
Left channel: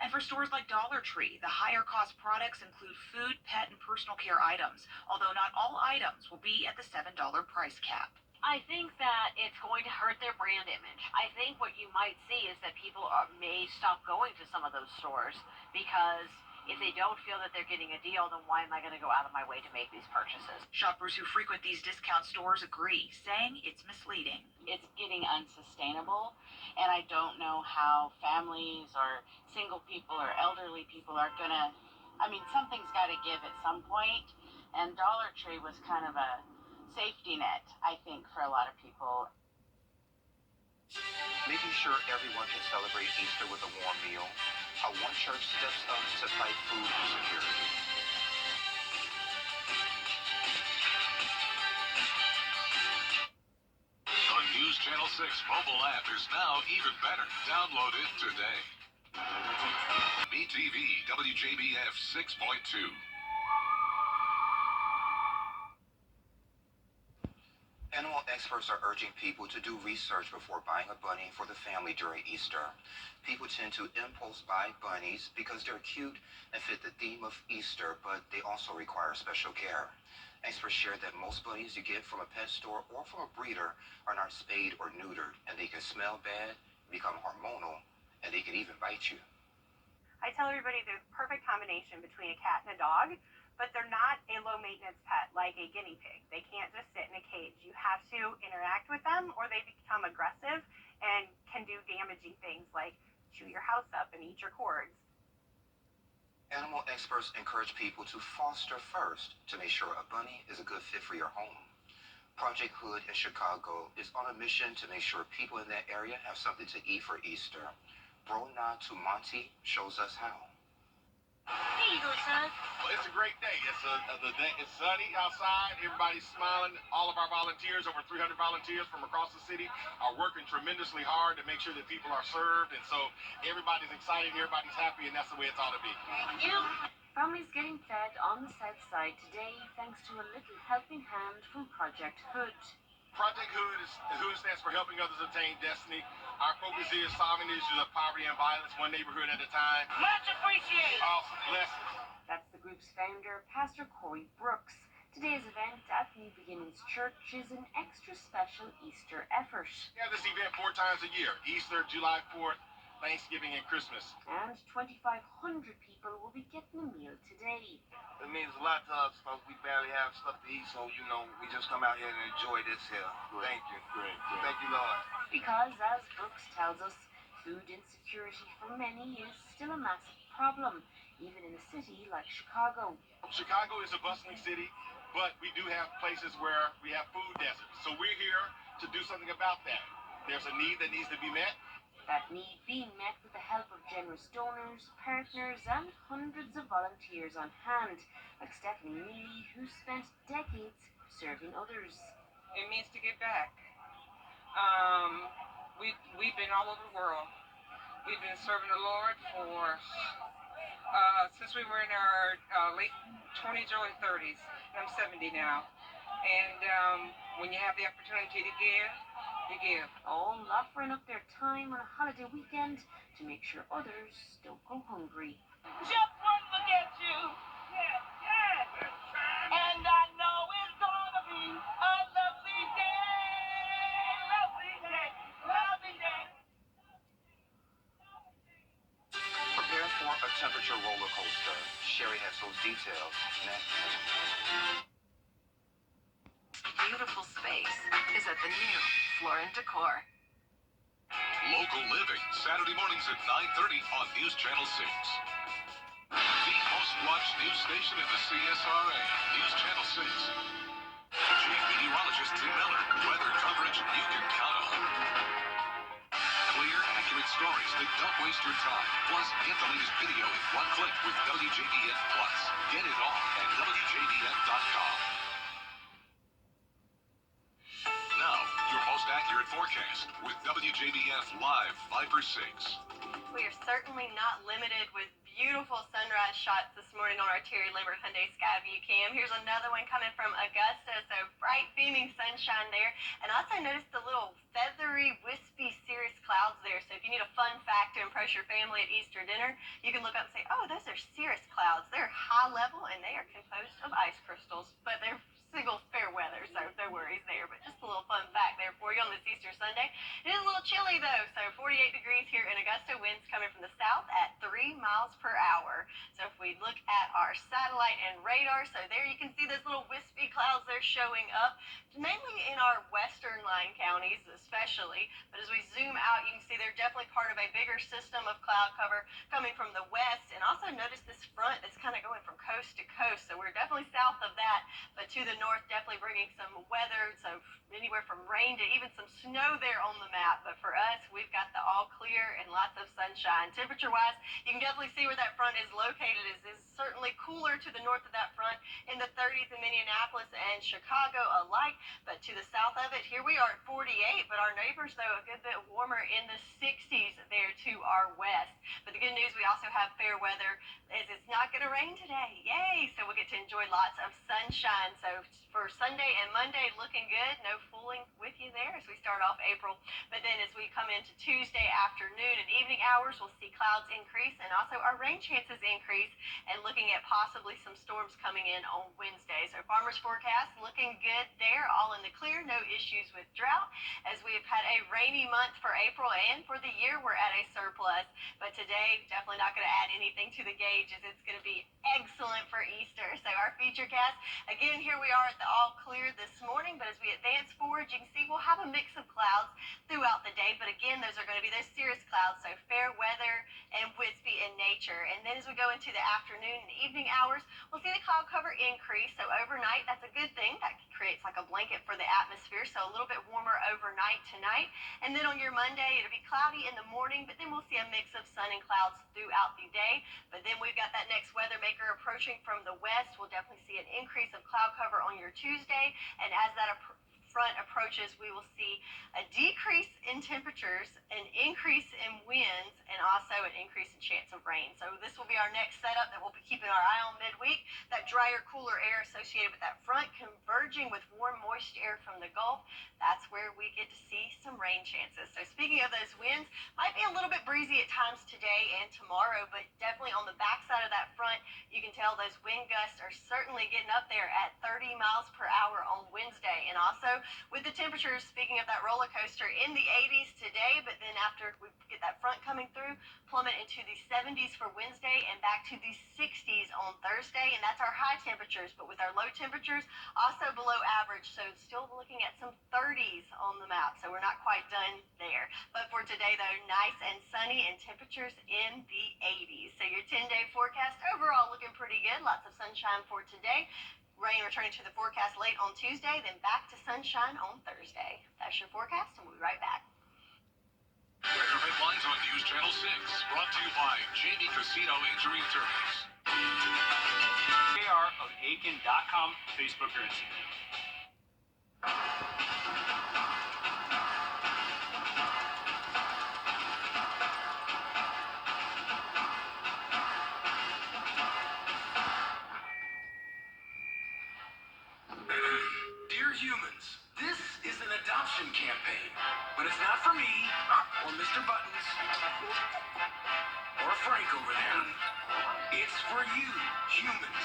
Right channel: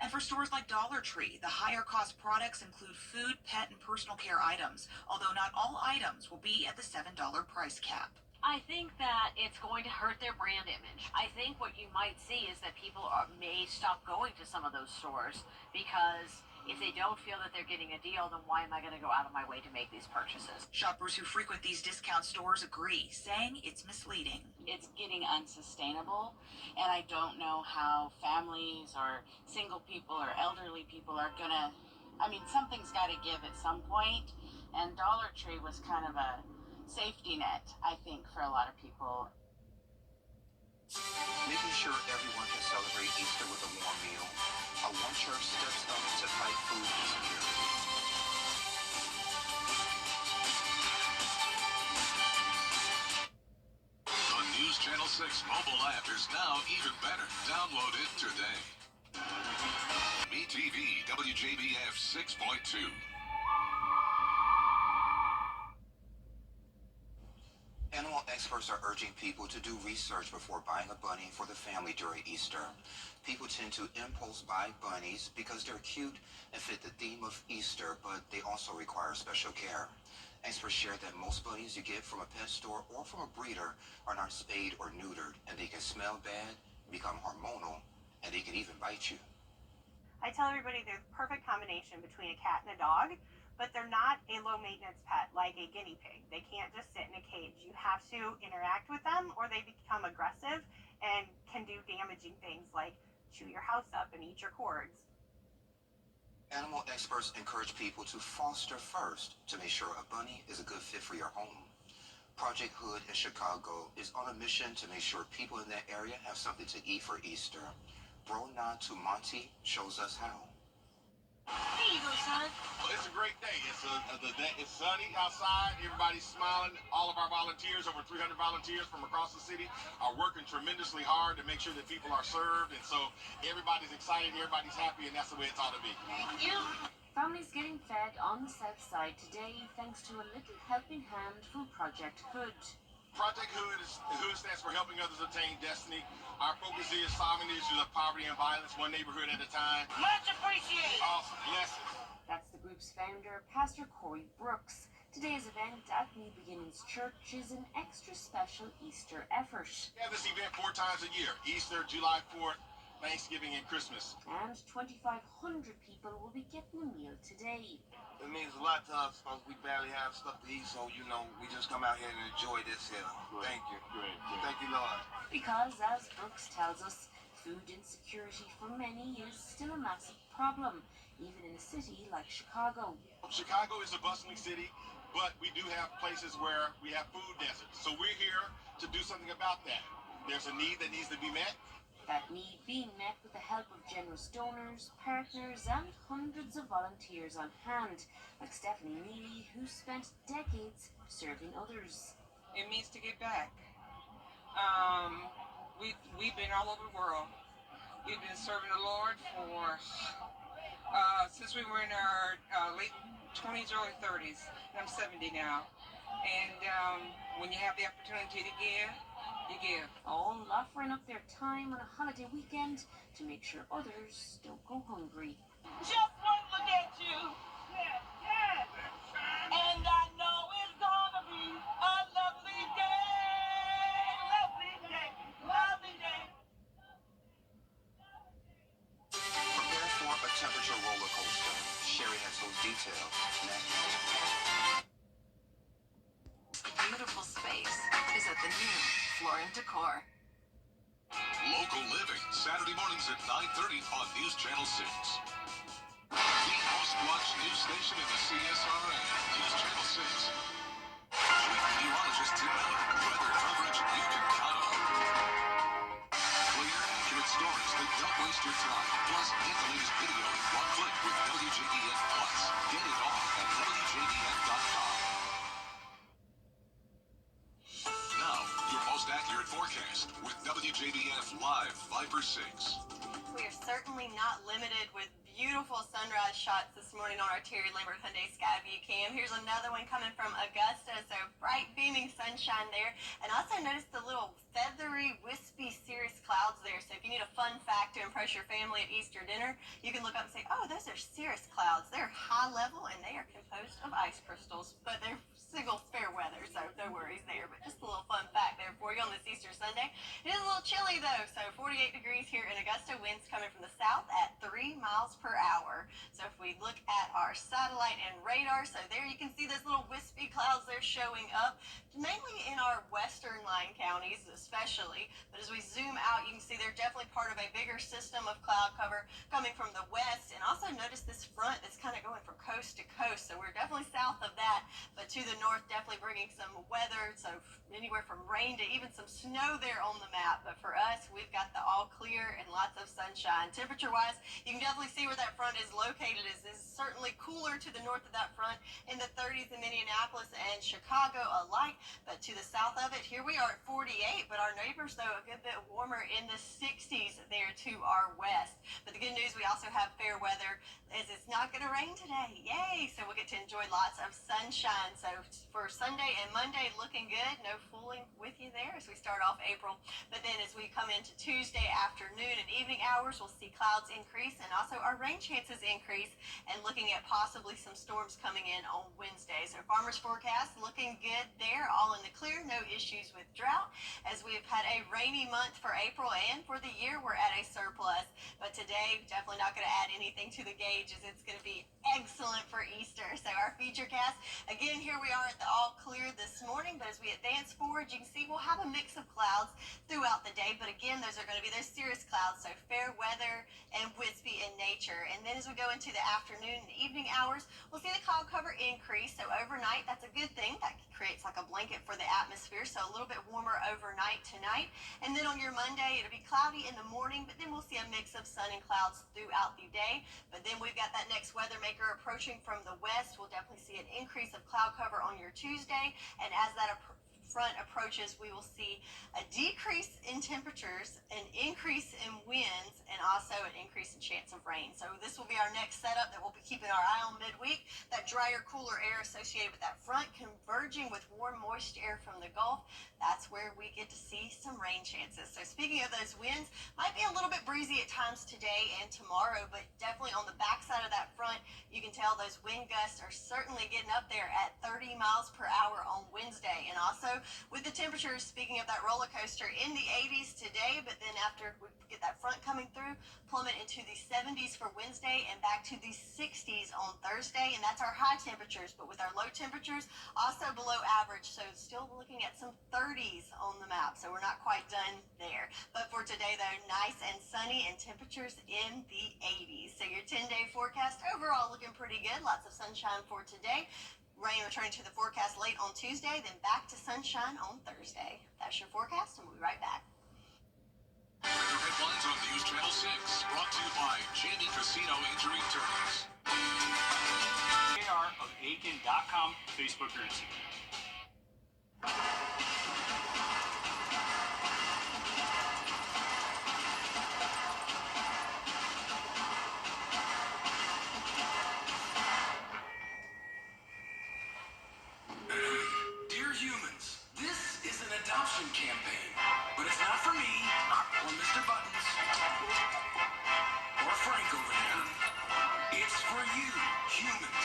And for stores like Dollar Tree, the higher cost products include food, pet, and personal care items, although not all items will be at the $7 price cap. I think that it's going to hurt their brand image. I think what you might see is that people may stop going to some of those stores because if they don't feel that they're getting a deal, then why am I going to go out of my way to make these purchases? Shoppers who frequent these discount stores agree, saying it's misleading. It's getting unsustainable, and I don't know how families or single people or elderly people are going to, something's got to give at some point, and Dollar Tree was kind of a safety net, I think, for a lot of people. Making sure everyone can celebrate Easter with a warm meal, how one church steps up to fight food insecurity. The News Channel 6 mobile app is now even better. Download it today. MeTV WJBF 6.2. Animal experts are urging people to do research before buying a bunny for the family during Easter. People tend to impulse buy bunnies because they're cute and fit the theme of Easter, but they also require special care. Experts share that most bunnies you get from a pet store or from a breeder are not spayed or neutered, and they can smell bad, become hormonal, and they can even bite you. I tell everybody they're the perfect combination between a cat and a dog, but they're not a low-maintenance pet like a guinea pig. They can't just sit in a cage. You have to interact with them or they become aggressive and can do damaging things like chew your house up and eat your cords. Animal experts encourage people to foster first to make sure a bunny is a good fit for your home. Project Hood in Chicago is on a mission to make sure people in that area have something to eat for Easter. Brona Tumonti shows us how. Here you go, son. Well, it's a great day. It's sunny outside. Everybody's smiling. All of our volunteers, over 300 volunteers from across the city, are working tremendously hard to make sure that people are served. And so everybody's excited, everybody's happy, and that's the way it's ought to be. Thank you. Families getting fed on the south side today thanks to a little helping hand from Project Hood. Project Hood stands for Helping Others Attain Destiny. Our focus is solving the issues of poverty and violence, one neighborhood at a time. Much appreciated. Awesome. Blessings. That's the group's founder, Pastor Corey Brooks. Today's event at New Beginnings Church is an extra special Easter effort. We have this event 4 times a year: Easter, July 4th, Thanksgiving, and Christmas. And 2,500 people will be getting a meal today. It means a lot to us because we barely have stuff to eat, so, we just come out here and enjoy this here. Great. Thank you. Great. Thank you, Lord. Because, as Brooks tells us, food insecurity for many is still a massive problem, even in a city like Chicago. Chicago is a bustling city, but we do have places where we have food deserts. So we're here to do something about that. There's a need that needs to be met. That need being met with the help of generous donors, partners, and hundreds of volunteers on hand, like Stephanie Neely, who spent decades serving others. It means to give back. We've been all over the world. We've been serving the Lord for since we were in our late 20s, early 30s. And I'm 70 now. And when you have the opportunity to give, you give. All offering up their time on a holiday weekend to make sure others don't go hungry. Just one look at you. Yeah, yeah. And I know it's gonna be a lovely day. Lovely day. Lovely day. Prepare for a temperature roller coaster. Sherry has those details next. Beautiful space is at the new Floor & Decor. Local Living, Saturday mornings at 9:30 on News Channel 6. The most watched news station in the CSRA, News Channel 6. Chief Meteorologist Tim Miller, weather coverage you can count on. Clear, accurate stories that don't waste your time. Plus, get the latest video in one click with WJBF Plus. Get it all at WJBF.com. Now, your most accurate forecast with WJBF Live 5/6. We are certainly not limited with beautiful sunrise shots this morning on our Terry Lambert Hyundai Skyview cam. Here's another one coming from Augusta, so bright beaming sunshine there. And also notice the little feathery, wispy, cirrus clouds there. So if you need a fun fact to impress your family at Easter dinner, you can look up and say, oh, those are cirrus clouds. They're high level and they are composed of ice crystals, but they're single fair weather, so no worries there. But just a little fun fact there for you on this Easter Sunday. It is a little chilly though, so 48 degrees here in Augusta, winds coming from the south at 3 miles per hour. So if we look at our satellite and radar, so there you can see those little wispy clouds there showing up, mainly in our western line counties especially. But as we zoom out, you can see they're definitely part of a bigger system of cloud cover coming from the west. And also notice this front that's kind of going from coast to coast, so we're definitely south of that, but to the north, definitely bringing some weather, so anywhere from rain to even some snow there on the map. But for us, we've got the all clear and lots of sunshine. Temperature-wise, you can definitely see where that front is located. Is certainly cooler to the north of that front in the 30s in Minneapolis and Chicago alike. But to the south of it, here we are at 48, but our neighbors, though, a good bit warmer in the 60s there to our west. But the good news, we also have fair weather, is it's not going to rain today. Yay! So we'll get to enjoy lots of sunshine. So for Sunday and Monday, looking good. No fooling with you there as we start off April. But then as we come into Tuesday afternoon and evening hours, we'll see clouds increase and also our rain chances increase, and looking at possibly some storms coming in on Wednesday. So farmers forecast looking good there, all in the clear, no issues with drought, as we've had a rainy month for April, and for the year we're at a surplus. But today, definitely not going to add anything to the gauge, as it's going to be excellent for Easter. So our feature cast, again, here we are at the all clear this morning, but as we advance forward, you can see we'll have a mix of clouds throughout the day. But again, those are going to be those cirrus clouds, so fair weather and wispy in nature. And then as we go into the afternoon and evening hours, we'll see the cloud cover increase. So overnight, that's a good thing. That creates like a blanket for the atmosphere, so a little bit warmer overnight tonight. And then on your Monday, it'll be cloudy in the morning, but then we'll see a mix of sun and clouds throughout the day. But then we've got that next weather maker approaching from the west. We'll definitely see an increase of cloud cover on your Tuesday, and as that front approaches, we will see a decrease in temperatures, an increase in winds, and also an increase in chance of rain. So this will be our next setup that we'll be keeping our eye on midweek. That drier, cooler air associated with that front converging with warm, moist air from the Gulf. That's where we get to see some rain chances. So speaking of those winds, might be a little bit breezy at times today and tomorrow, but definitely on the backside of that front, you can tell those wind gusts are certainly getting up there at 30 miles per hour on Wednesday. And also with the temperatures, speaking of that roller coaster, in the 80s today, but then after we get that front coming through, plummet into the 70s for Wednesday and back to the 60s on Thursday. And that's our high temperatures, but with our low temperatures also below average. So still looking at some 30s on the map. So we're not quite done there. But for today, though, nice and sunny and temperatures in the 80s. So your 10-day forecast overall looking pretty good. Lots of sunshine for today. Rain returning to the forecast late on Tuesday, then back to sunshine on Thursday. That's your forecast, and we'll be right back. Weather headlines on News Channel 6, brought to you by Jamie Casino Injury Attorneys. KR of Aiken.com, Facebook or Instagram. Dear humans, this is an adoption campaign, but it's not for me, or Mr. Buttons, or Frank over there. It's for you, humans.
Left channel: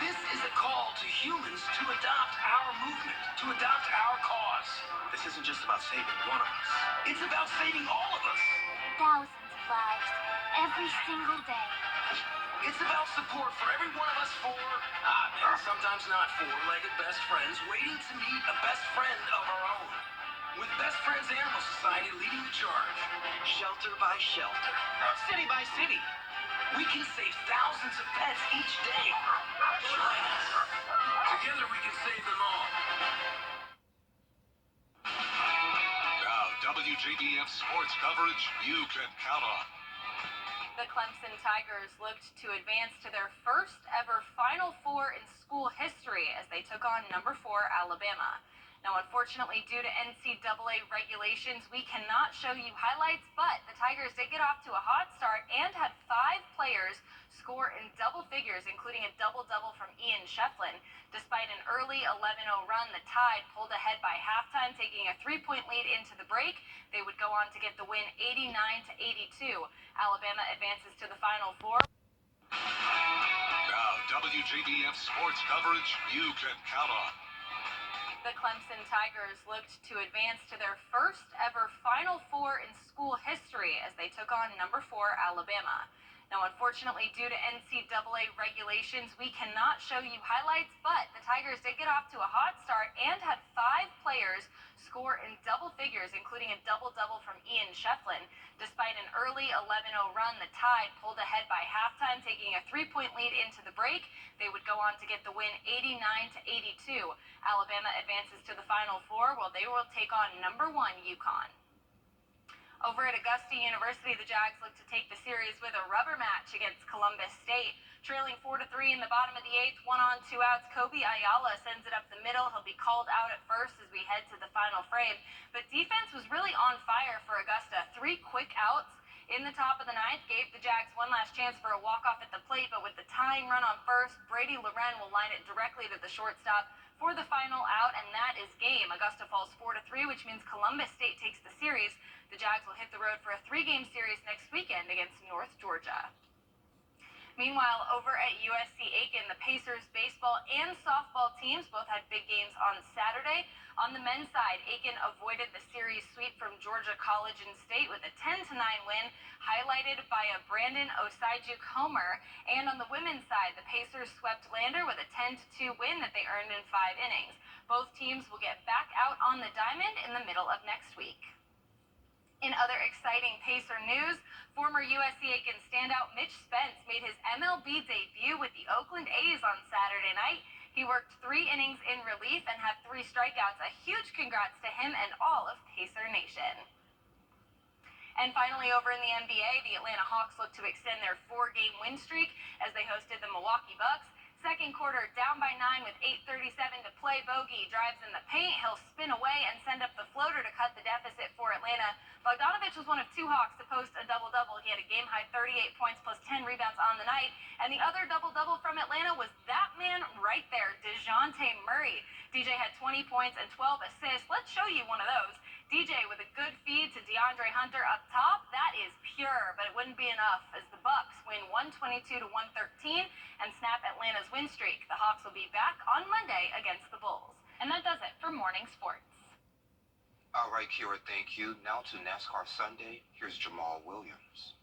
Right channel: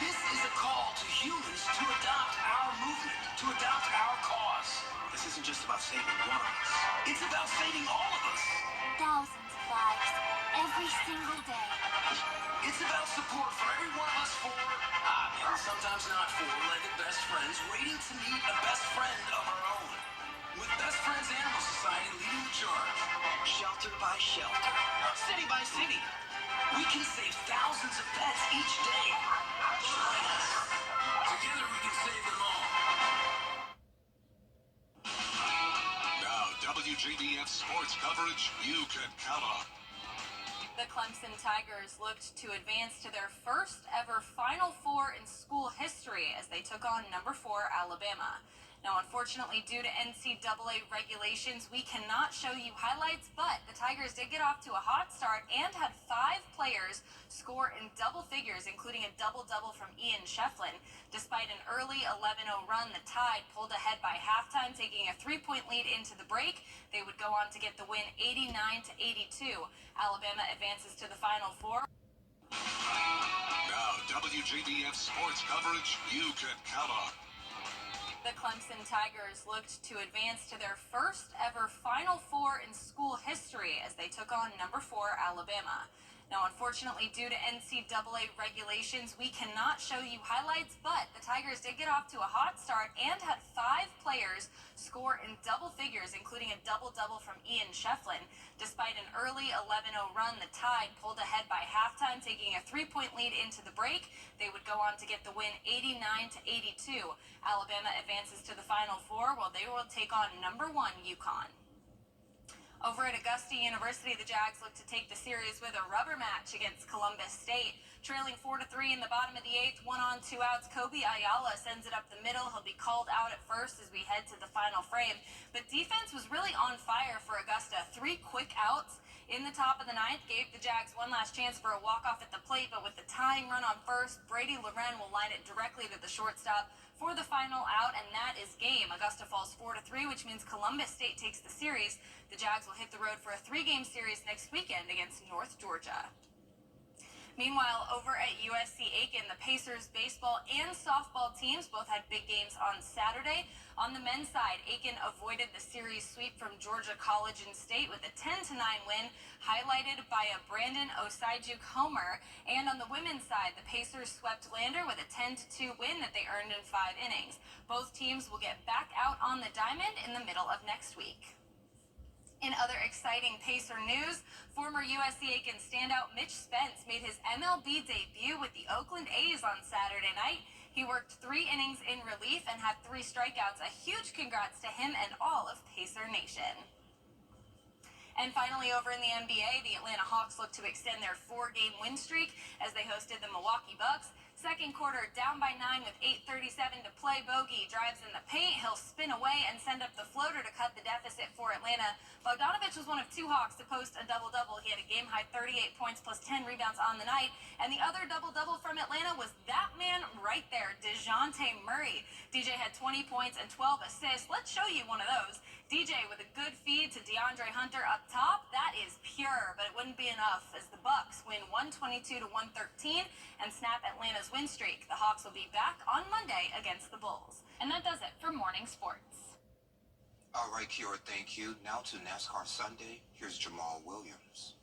This is a call to humans to adopt our movement, to adopt our cause. This isn't just about saving one of us. It's about saving all of us. Thousands of lives, every single day. It's about support for every one of us and sometimes not four-legged best friends waiting to meet a best friend of our own. With Best Friends Animal Society leading the charge, shelter by shelter, city by city, we can save thousands of pets each day. Join us. Together we can save them all. Now, WJBF sports coverage you can count on. The Clemson Tigers looked to advance to their first ever Final Four in school history as they took on number 4 Alabama. Now, unfortunately, due to NCAA regulations, we cannot show you highlights, but the Tigers did get off to a hot start and had 5 players score in double figures, including a double-double from Ian Shefflin. Despite an early 11-0 run, the Tide pulled ahead by halftime, taking a 3-point lead into the break. They would go on to get the win 89-82. Alabama advances to the Final Four. Now, WJBF sports coverage you can count on. The Clemson Tigers looked to advance to their first ever Final Four in school history as they took on number 4 Alabama. Now, unfortunately, due to NCAA regulations, we cannot show you highlights, but the Tigers did get off to a hot start and had 5 players score in double figures, including a double-double from Ian Shefflin. Despite an early 11-0 run, the Tide pulled ahead by halftime, taking a 3-point lead into the break. They would go on to get the win 89-82. Alabama advances to the Final Four, while they will take on number 1 UConn. Over at Augusta University, the Jags look to take the series with a rubber match against Columbus State. Trailing 4-3 in the bottom of the 8th, 1 on 2 outs, Kobe Ayala sends it up the middle. He'll be called out at first as we head to the final frame. But defense was really on fire for Augusta. 3 quick outs in the top of the 9th gave the Jags one last chance for a walk-off at the plate, but with the tying run on first, Brady Loren will line it directly to the shortstop for the final out, and that is game. Augusta falls 4-3, which means Columbus State takes the series. The Jags will hit the road for a 3-game series next weekend against North Georgia. Meanwhile, over at USC Aiken, the Pacers baseball and softball teams both had big games on Saturday. On the men's side, Aiken avoided the series sweep from Georgia College and State with a 10-9 win, highlighted by a Brandon Osaijuk homer. And on the women's side, the Pacers swept Lander with a 10-2 win that they earned in 5 innings. Both teams will get back out on the diamond in the middle of next week. In other exciting Pacer news, former USC Aiken standout Mitch Spence made his MLB debut with the Oakland A's on Saturday night. He worked 3 innings in relief and had 3 strikeouts. A huge congrats to him and all of Pacer Nation. And finally, over in the NBA, the Atlanta Hawks look to extend their 4-game win streak as they hosted the Milwaukee Bucks. Second quarter, down by 9 with 8:37 to play. Bogey drives in the paint. He'll spin away and send up the floater to cut the deficit for Atlanta. Bogdanovich was one of 2 Hawks to post a double-double. He had a game-high 38 points plus 10 rebounds on the night. And the other double-double from Atlanta was that man right there, DeJounte Murray. DJ had 20 points and 12 assists. Let's show you one of those. DJ with a good feed to DeAndre Hunter up top. That is pure, but it wouldn't be enough as the Bucks win 122-113 and snap Atlanta's win streak. The Hawks will be back on Monday against the Bulls. And that does it for morning sports. All right, Kira, thank you. Now to NASCAR Sunday. Here's Jamal Williams.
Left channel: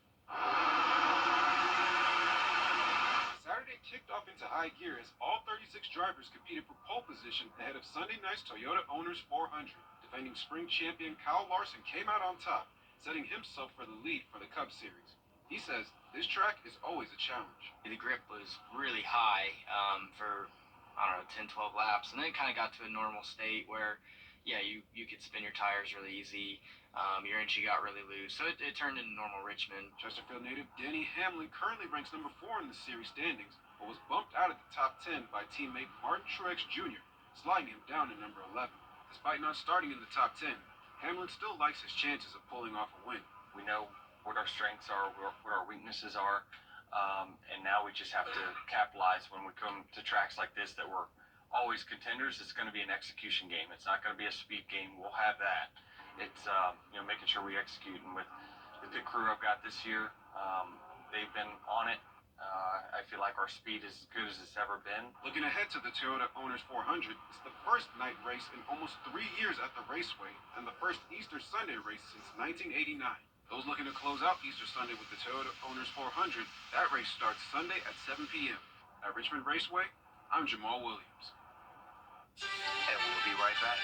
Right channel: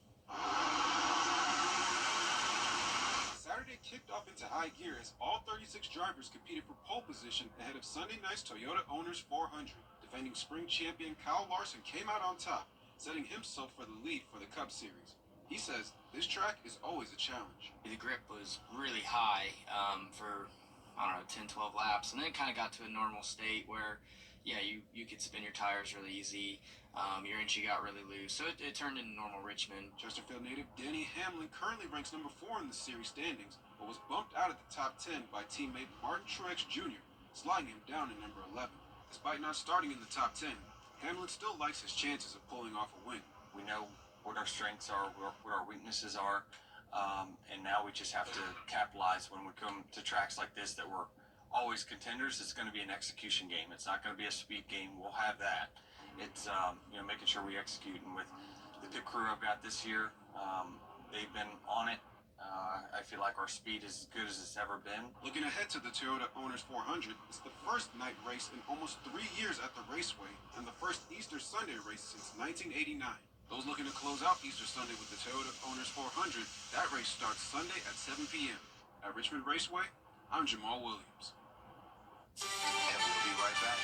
Saturday kicked off into high gear as all 36 drivers competed for pole position ahead of Sunday night's Toyota Owners 400. Defending spring champion Kyle Larson came out on top, setting himself for the lead for the Cup Series. He says this track is always a challenge. The grip was really high for I don't know, 10, 12 laps, and then it kind of got to a normal state where, yeah, you could spin your tires really easy. Your entry got really loose, so it turned into normal Richmond. Chesterfield native Denny Hamlin currently ranks number 4 in the series standings, but was bumped out of the top 10 by teammate Martin Truex Jr., sliding him down to number 11. Despite not starting in the top 10, Hamlin still likes his chances of pulling off a win. We know what our strengths are, what our weaknesses are, and now we just have to capitalize when we come to tracks like this that we're always contenders. It's going to be an execution game. It's not going to be a speed game. We'll have that. It's making sure we execute, and with the pit crew I've got this year, they've been on it. I feel like our speed is as good as it's ever been. Looking ahead to the Toyota Owners 400, it's the first night race in almost 3 years at the raceway, and the first Easter Sunday race since 1989. Those looking to close out Easter Sunday with the Toyota Owners 400, that race starts Sunday at 7 p.m. At Richmond Raceway, I'm Jamal Williams. And we'll be right back.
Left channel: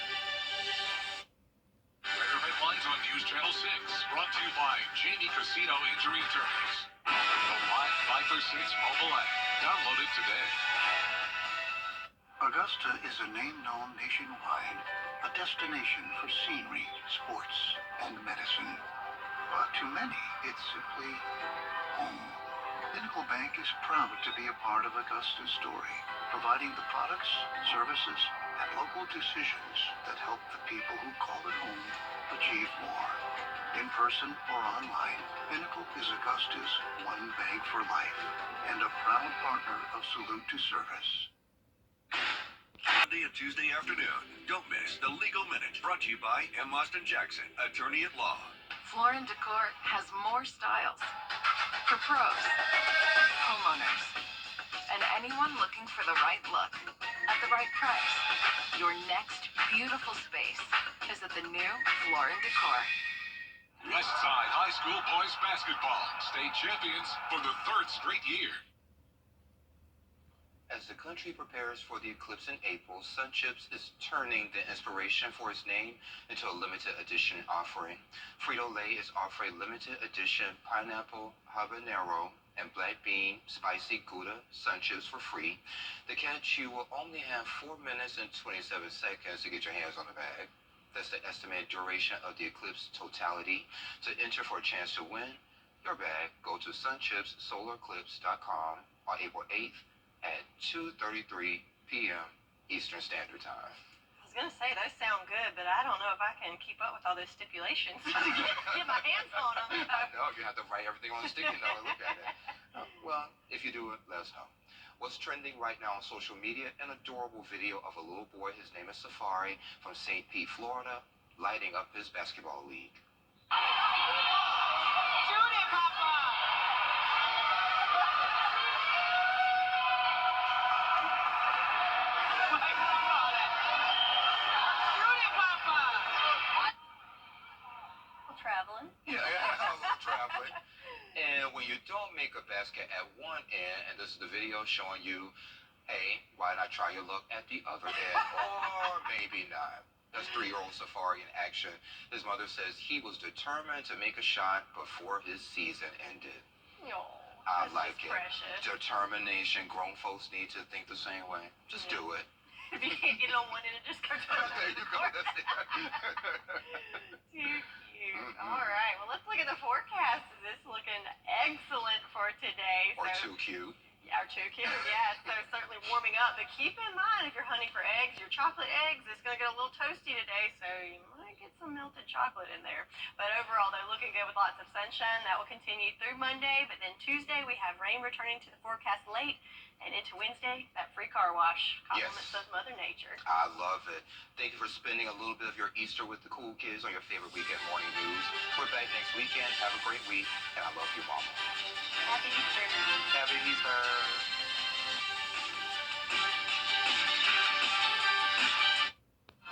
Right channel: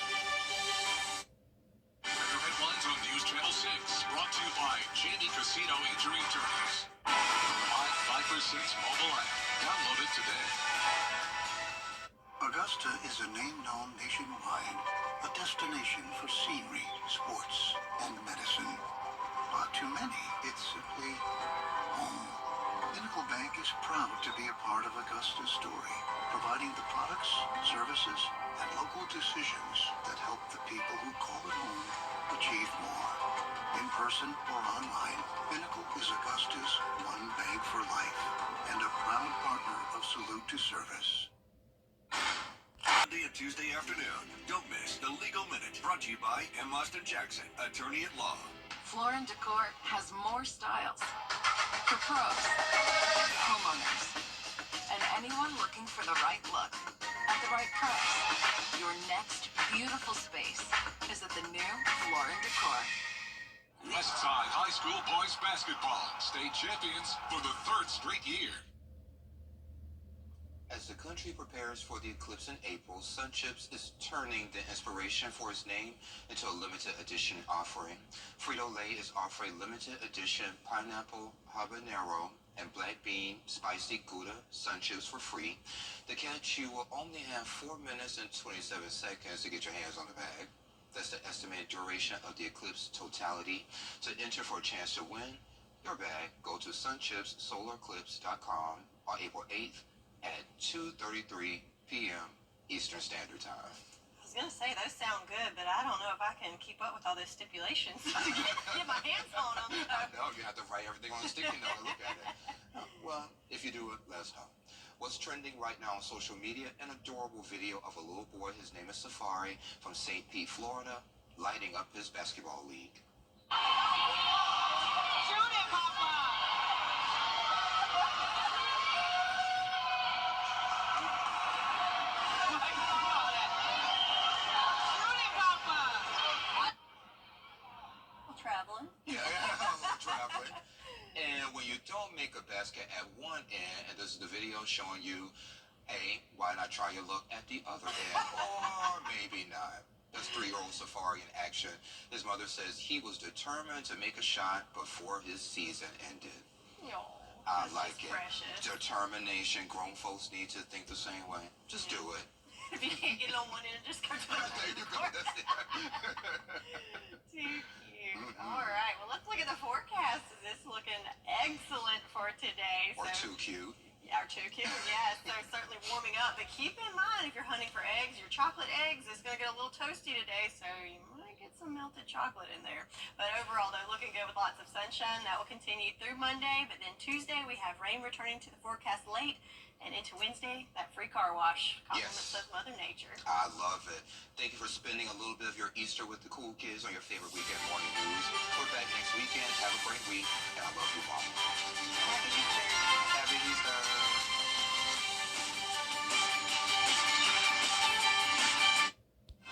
Better Headlines on News Channel 6, brought to you by Jamie Casino Injury Attorneys. The live 5 for 6 mobile app. Download it today. Augusta is a name known nationwide, a destination for scenery, sports, and medicine. But to many, it's simply home. Pinnacle Bank is proud to be a part of Augusta's story, providing the products, services, and local decisions that help the people who call it home achieve more. In person or online, Pinnacle is Augusta's one bank for life and a proud partner of Salute to Service. Monday and Tuesday afternoon, don't miss the Legal Minute, brought to you by M. Austin Jackson, attorney at law. Floor & Decor has more styles for pros, homeowners, and anyone looking for the right look at the right price. Your next beautiful space is at the new Floor & Decor. Westside High School boys basketball, state champions for the 3rd straight year. As the country prepares for the eclipse in April, Sun Chips is turning the inspiration for its name into a limited edition offering. Frito-Lay is offering limited edition pineapple, habanero, and black bean spicy Gouda Sun Chips for free. The can chew will only have 4 minutes and 27 seconds to get your hands on the bag. That's the estimated duration of the eclipse totality. To enter for a chance to win your bag, go to sunchipssolarclips.com on April 8th at 2:33 p.m. Eastern Standard Time. I was gonna say those sound good, but I don't know if I can keep up with all those stipulations to get my hands on them. I know, you have to write everything on the sticky note and look at it. Well, if you do it, let us know. What's trending right now on social media? An adorable video of a little boy, his name is Safari, from St. Pete, Florida, lighting up his basketball league. Shoot it, Papa! Traveling. Yeah, a little traveling. And when you don't make a basket at one end, and this is the video showing you, hey, why not try your luck at the other end? Or maybe not. That's 3-year-old Safari in action. His mother says he was determined to make a shot before his season ended. I like it. Precious. Determination. Grown folks need to think the same way. Just do it. If you can't get on one end, just go to the other. There you go. That's it. Too cute. All right. Well, let's look at the forecast. Is this looking excellent for today? Or too cute. Yeah, or too cute. Yeah. So certainly warming up. But keep in mind, if you're hunting for eggs, your chocolate eggs is going to get a little toasty today. So you might get some melted chocolate in there. But overall, they're looking good with lots of sunshine. That will continue through Monday. But then Tuesday, we have rain returning to the forecast late. And into Wednesday, that free car wash. Compliments of Mother Nature. I love it. Thank you for spending a little bit of your Easter with the cool kids on your favorite weekend morning news. We're back next weekend. Have a great week. And I love you, Mama.